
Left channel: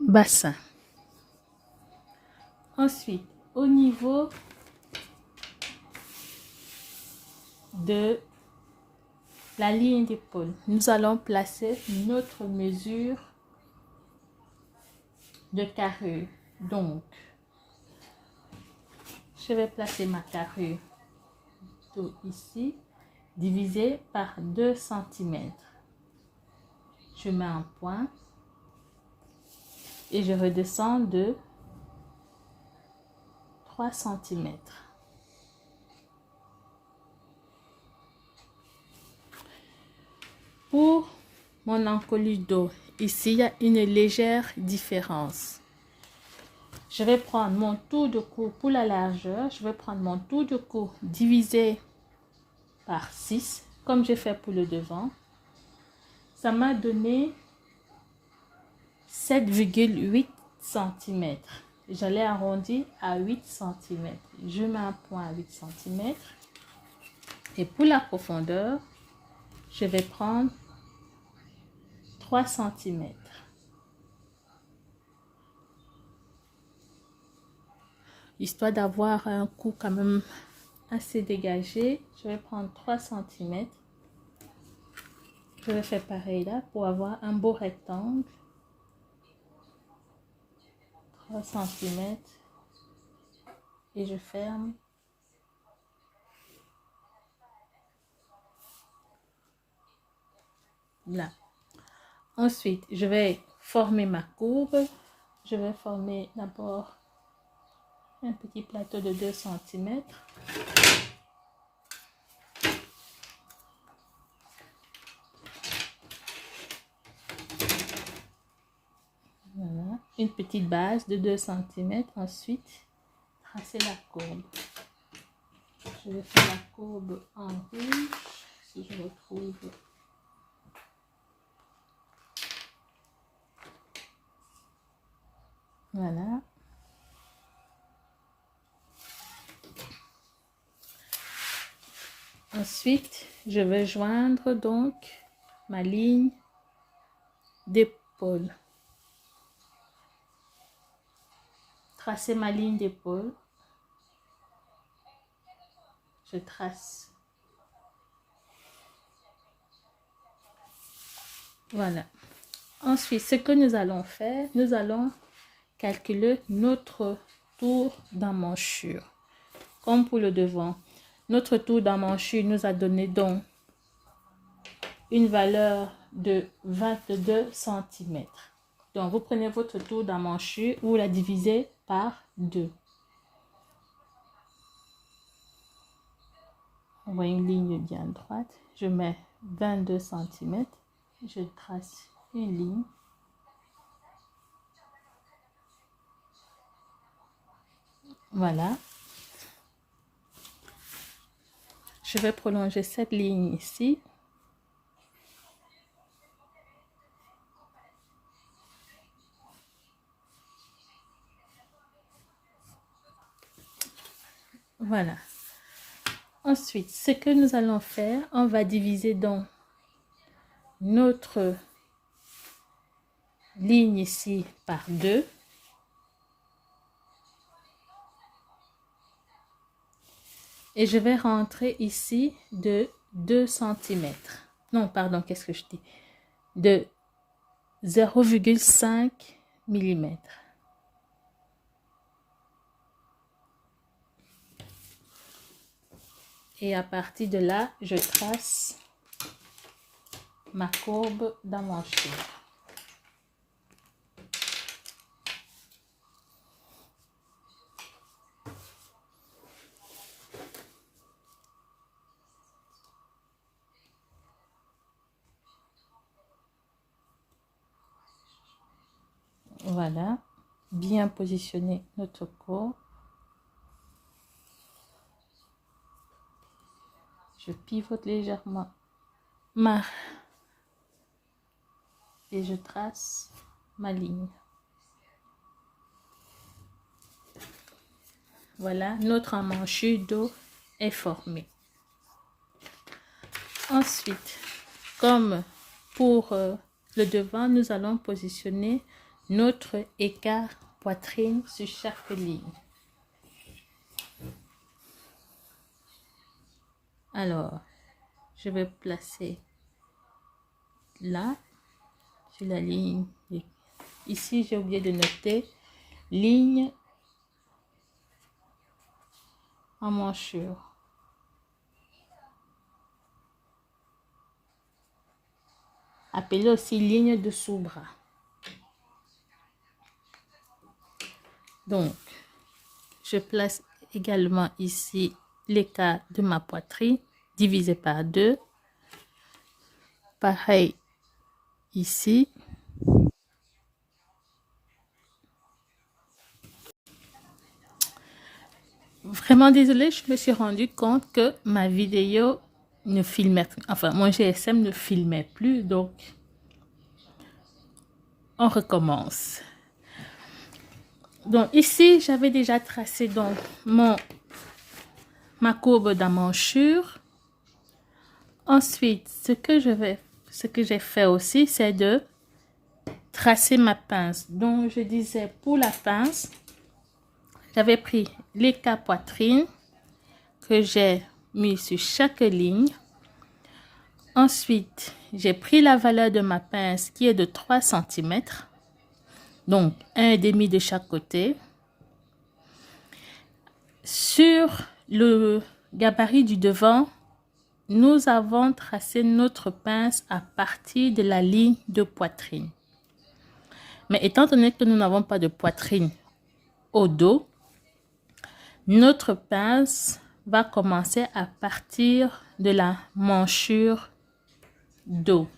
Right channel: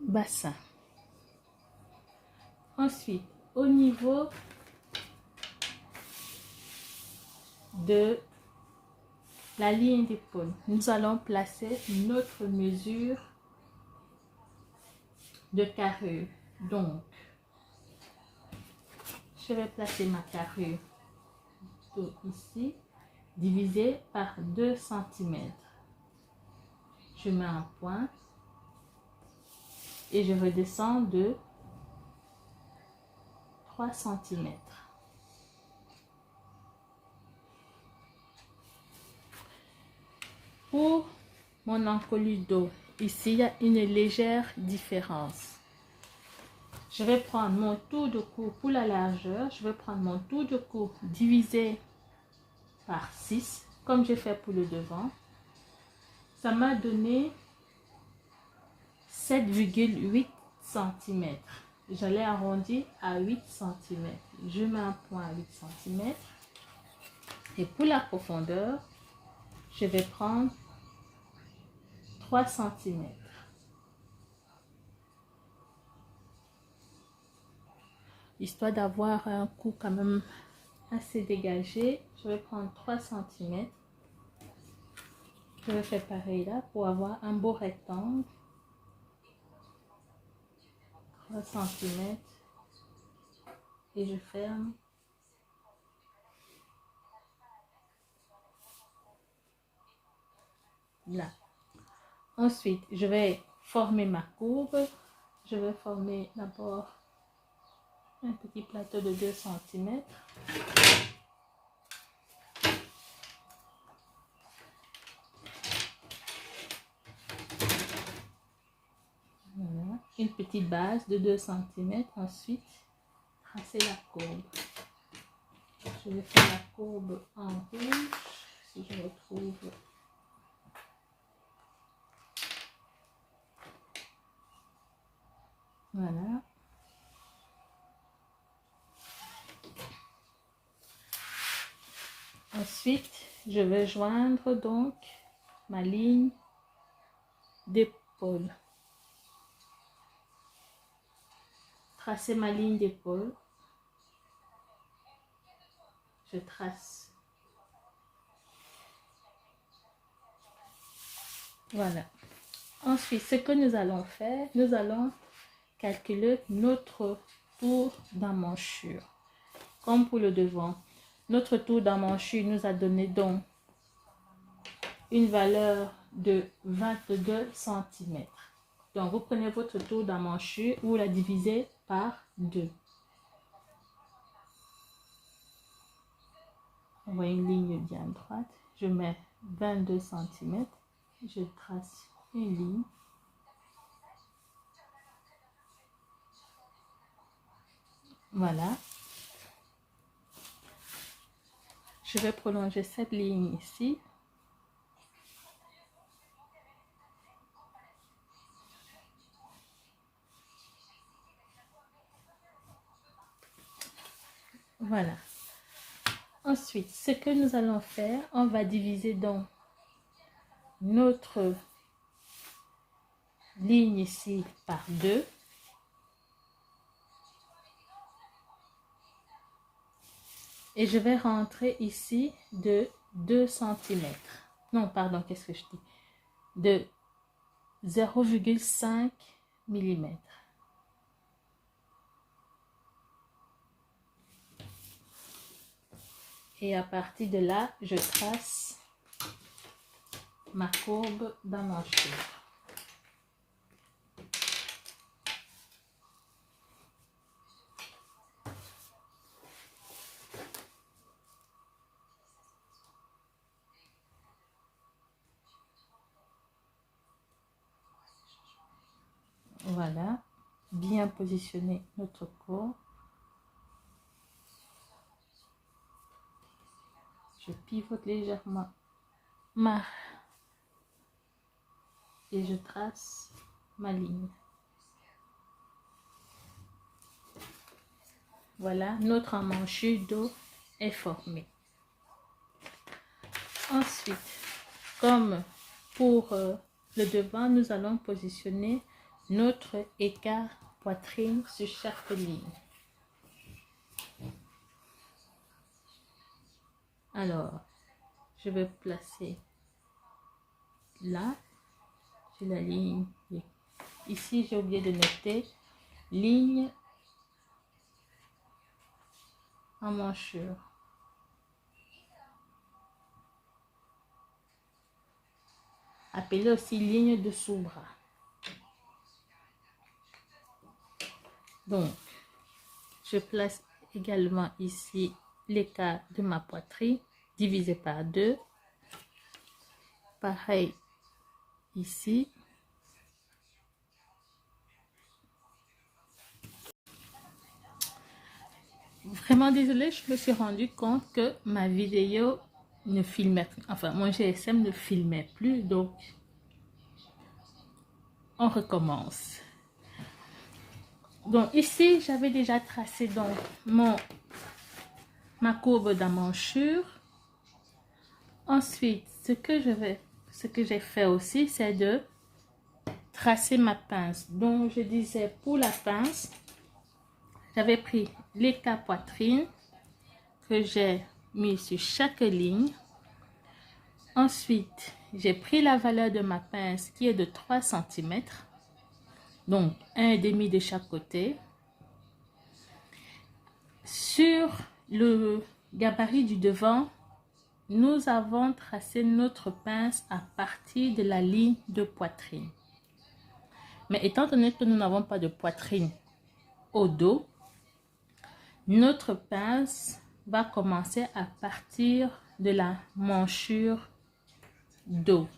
Bassin. Ensuite, au niveau de la ligne d'épaule, nous allons placer notre mesure de carrure. Donc, je vais placer ma carrure ici, divisé par 2 cm. Je mets un point et je redescends de 3 cm. Pour mon encolure dos, ici, il y a une légère différence. Je vais prendre mon tour de cou pour la largeur. Je vais prendre mon tour de cou divisé par 6, comme j'ai fait pour le devant. Ça m'a donné 7,8 cm. J'allais arrondir à 8 cm. Je mets un point à 8 cm. Et pour la profondeur, je vais prendre 3 cm. histoire d'avoir un cou quand même assez dégagé. Je vais prendre 3 cm. Je vais faire pareil là pour avoir un beau rectangle. 3 cm et je ferme. Là. Ensuite, je vais former ma courbe. Je vais former d'abord un petit plateau de 2 cm. Voilà. Une petite base de 2 cm. Ensuite, tracer la courbe. Je vais faire la courbe en rouge, si je retrouve. Voilà. Ensuite, je vais joindre donc ma ligne d'épaule. Tracer ma ligne d'épaule. Je trace. Voilà. Ensuite, ce que nous allons faire, nous allons calculer notre tour d'emmanchure. Comme pour le devant, notre tour d'emmanchure nous a donné donc une valeur de 22 cm. Donc, vous prenez votre tour d'emmanchure, vous la divisez par 2. On voit une ligne bien droite. Je mets 22 cm. Je trace une ligne. Voilà. Je vais prolonger cette ligne ici. Voilà. Ensuite, ce que nous allons faire, on va diviser donc notre ligne ici par 2. Et je vais rentrer ici de 2 cm. Non, pardon, qu'est-ce que je dis? De 0,5 mm. Et à partir de là, je trace ma courbe d'emmanchure. Voilà, bien positionner notre courbe. Je pivote légèrement et je trace ma ligne. Voilà, notre emmanchure dos est formée. Ensuite, comme pour le devant, nous allons positionner notre écart poitrine sur chaque ligne. Alors, je vais placer là, sur la ligne. Ici, j'ai oublié de noter ligne emmanchure. Appelée aussi ligne de sous-bras. Donc, je place également ici l'écart de ma poitrine divisé par 2. Pareil ici. Vraiment désolée, je me suis rendu compte que ma vidéo ne filmait, enfin mon GSM ne filmait plus, donc on recommence. Donc ici, j'avais déjà tracé donc ma courbe d'emmanchure. Ensuite, ce que j'ai fait aussi, c'est de tracer ma pince. Donc je disais pour la pince, j'avais pris l'écart poitrine que j'ai mis sur chaque ligne. Ensuite, j'ai pris la valeur de ma pince qui est de 3 cm. Donc, 1,5 de chaque côté. Sur le gabarit du devant, nous avons tracé notre pince à partir de la ligne de poitrine. Mais étant donné que nous n'avons pas de poitrine au dos, notre pince va commencer à partir de la manchure dos.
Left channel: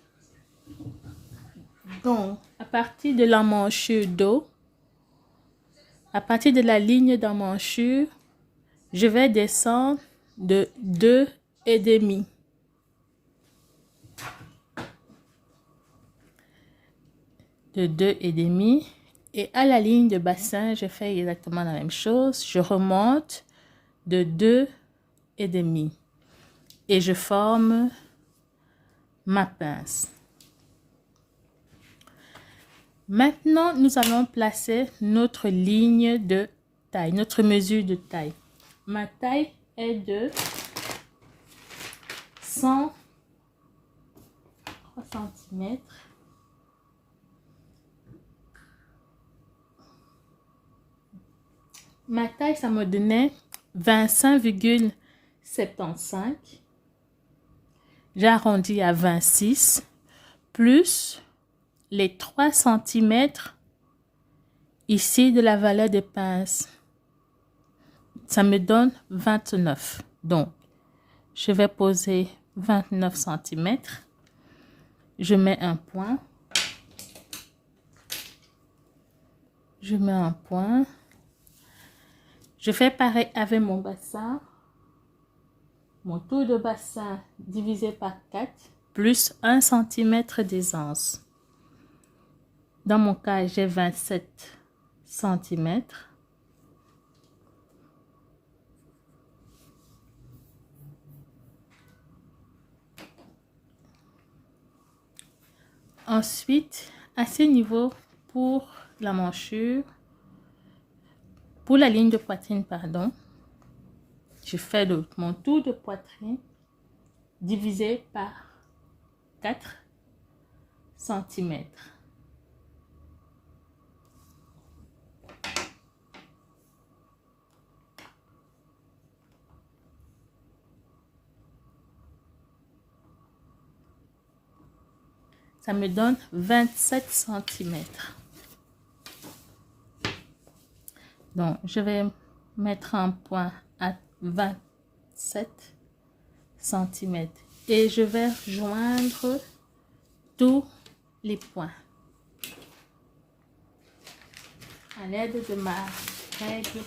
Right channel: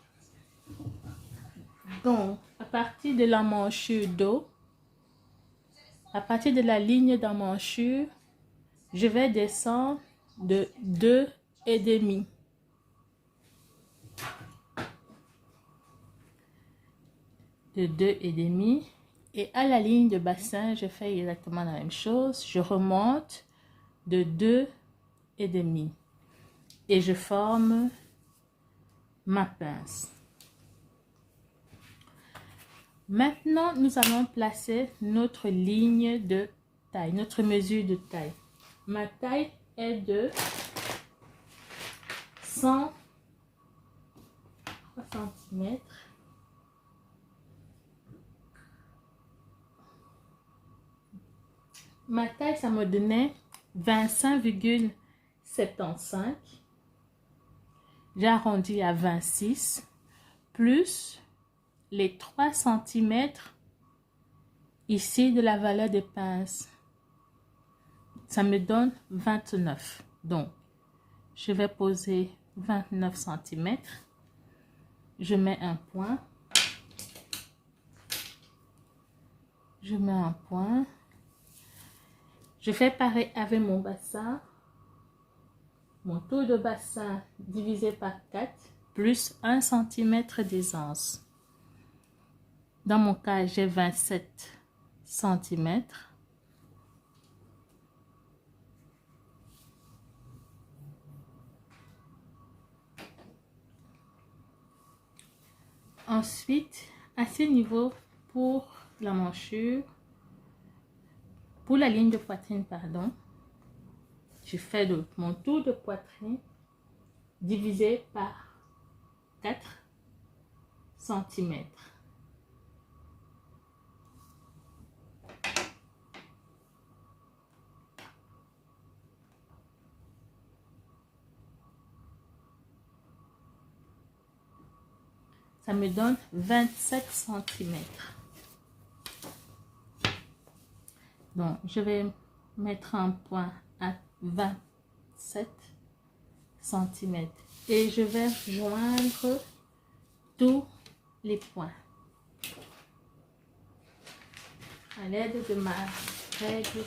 Donc, à partir de la manchure dos, à partir de la ligne d'emmanchure, je vais descendre de 2,5. De 2,5. Et à la ligne de bassin, je fais exactement la même chose. Je remonte de 2,5. Et je forme ma pince. Maintenant, nous allons placer notre ligne de taille, notre mesure de taille. Ma taille est de 103 cm. Ma taille, ça me donnait 25,75. J'arrondis à 26 plus les 3 cm ici de la valeur des pinces. Ça me donne 29. Donc, je vais poser 29 cm. Je mets un point. Je mets un point. Je fais pareil avec mon bassin. Mon tour de bassin divisé par 4 plus 1 cm d'aisance. Dans mon cas, j'ai 27 cm. Ensuite, à ce niveau, pour la manchure, pour la ligne de poitrine, pardon, je fais mon tour de poitrine divisé par 4 cm. Ça me donne 27 cm. Donc, je vais mettre un point à 27 cm et je vais joindre tous les points à l'aide de ma règle.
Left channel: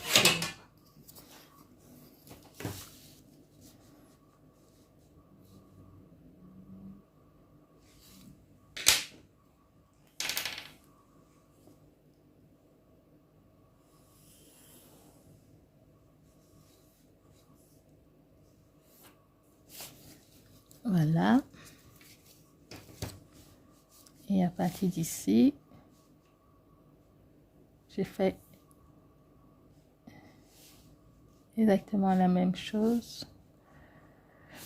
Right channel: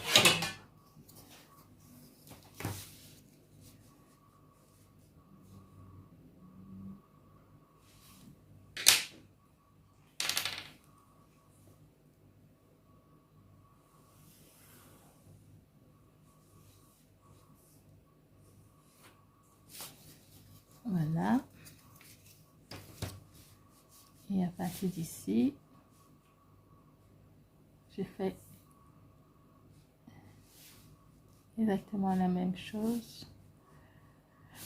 Voilà. Et à partir d'ici, je fais exactement la même chose.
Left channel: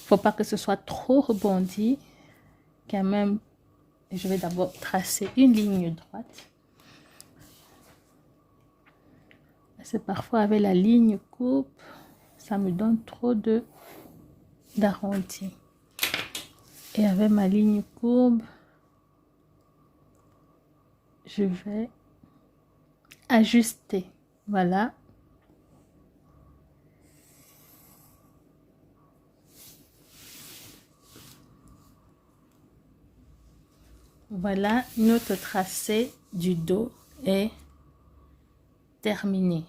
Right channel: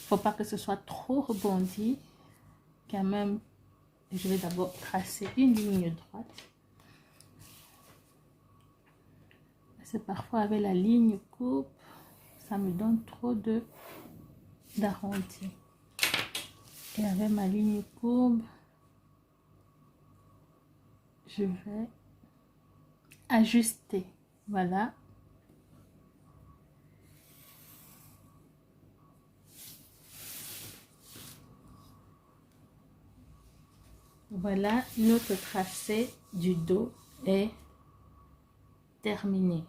Faut pas que ce soit trop rebondi. Quand même, je vais d'abord tracer une ligne droite. C'est parfois avec la ligne coupe, ça me donne trop d'arrondi. Et avec ma ligne courbe, je vais ajuster. Voilà. Voilà, notre tracé du dos est terminé.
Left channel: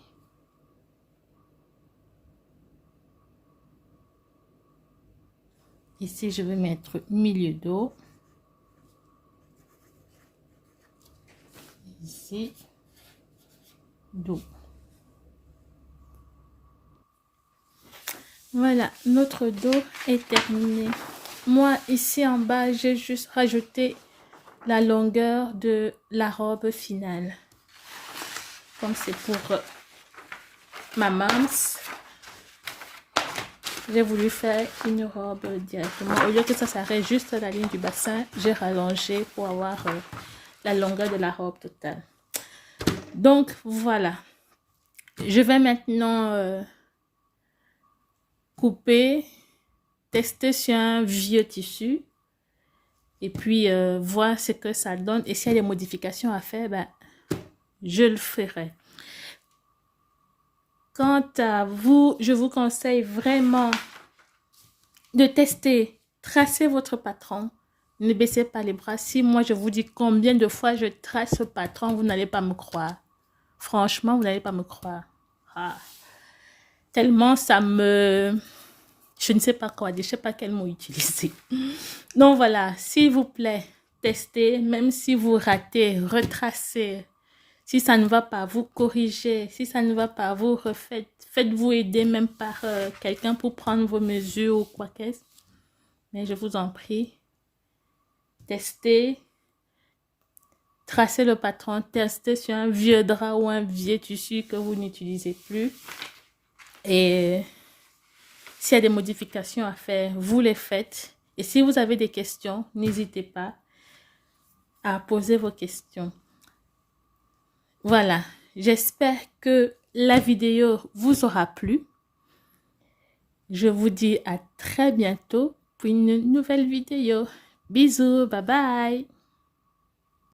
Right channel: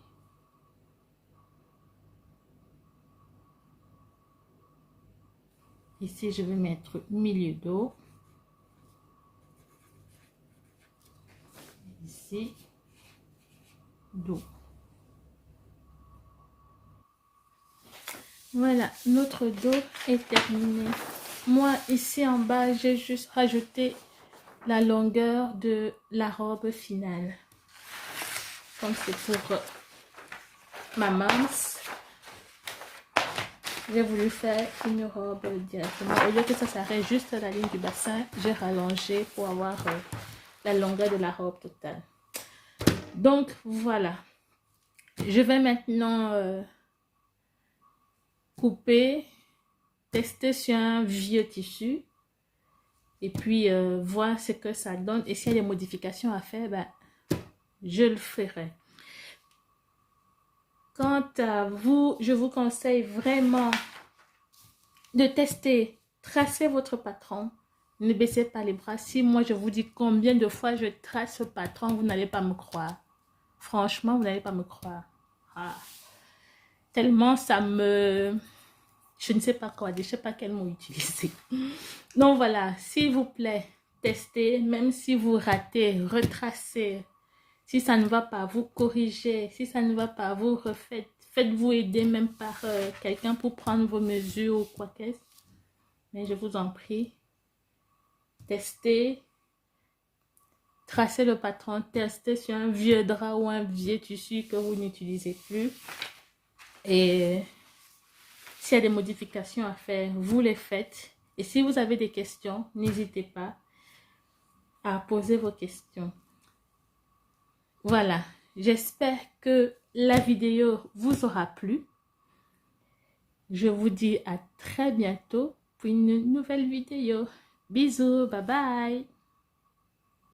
Ici, je vais mettre milieu dos. Ici, dos. Voilà, notre dos est terminé. Moi, ici en bas, j'ai juste rajouté la longueur de la robe finale. Donc, c'est pour ma maman, j'ai voulu faire une robe directement. Au lieu que ça s'arrête juste à la ligne du bassin, j'ai rallongé pour avoir la longueur de la robe totale. Donc, voilà. Je vais maintenant couper, tester sur un vieux tissu et puis voir ce que ça donne. Et s'il y a des modifications à faire, ben, je le ferai. Quant à vous, je vous conseille vraiment de tester, tracer votre patron. Ne baissez pas les bras. Si moi je vous dis combien de fois je trace ce patron, vous n'allez pas me croire. Franchement, vous n'allez pas me croire. Ah. Tellement ça me... Je ne sais pas quoi dire, je ne sais pas quel mot utiliser. Donc voilà, s'il vous plaît, testez, même si vous ratez, retracez. Si ça ne va pas, vous corrigez. Si ça ne va pas, vous refaites. Faites-vous aider même par quelqu'un pour prendre vos mesures ou quoi qu'est-ce. Mais je vous en prie, testez. Tracez le patron, testez sur un vieux drap ou un vieux tissu que vous n'utilisez plus. Et s'il y a des modifications à faire, vous les faites. Et si vous avez des questions, n'hésitez pas à poser vos questions. Voilà, j'espère que la vidéo vous aura plu. Je vous dis à très bientôt pour une nouvelle vidéo. Bisous, bye bye.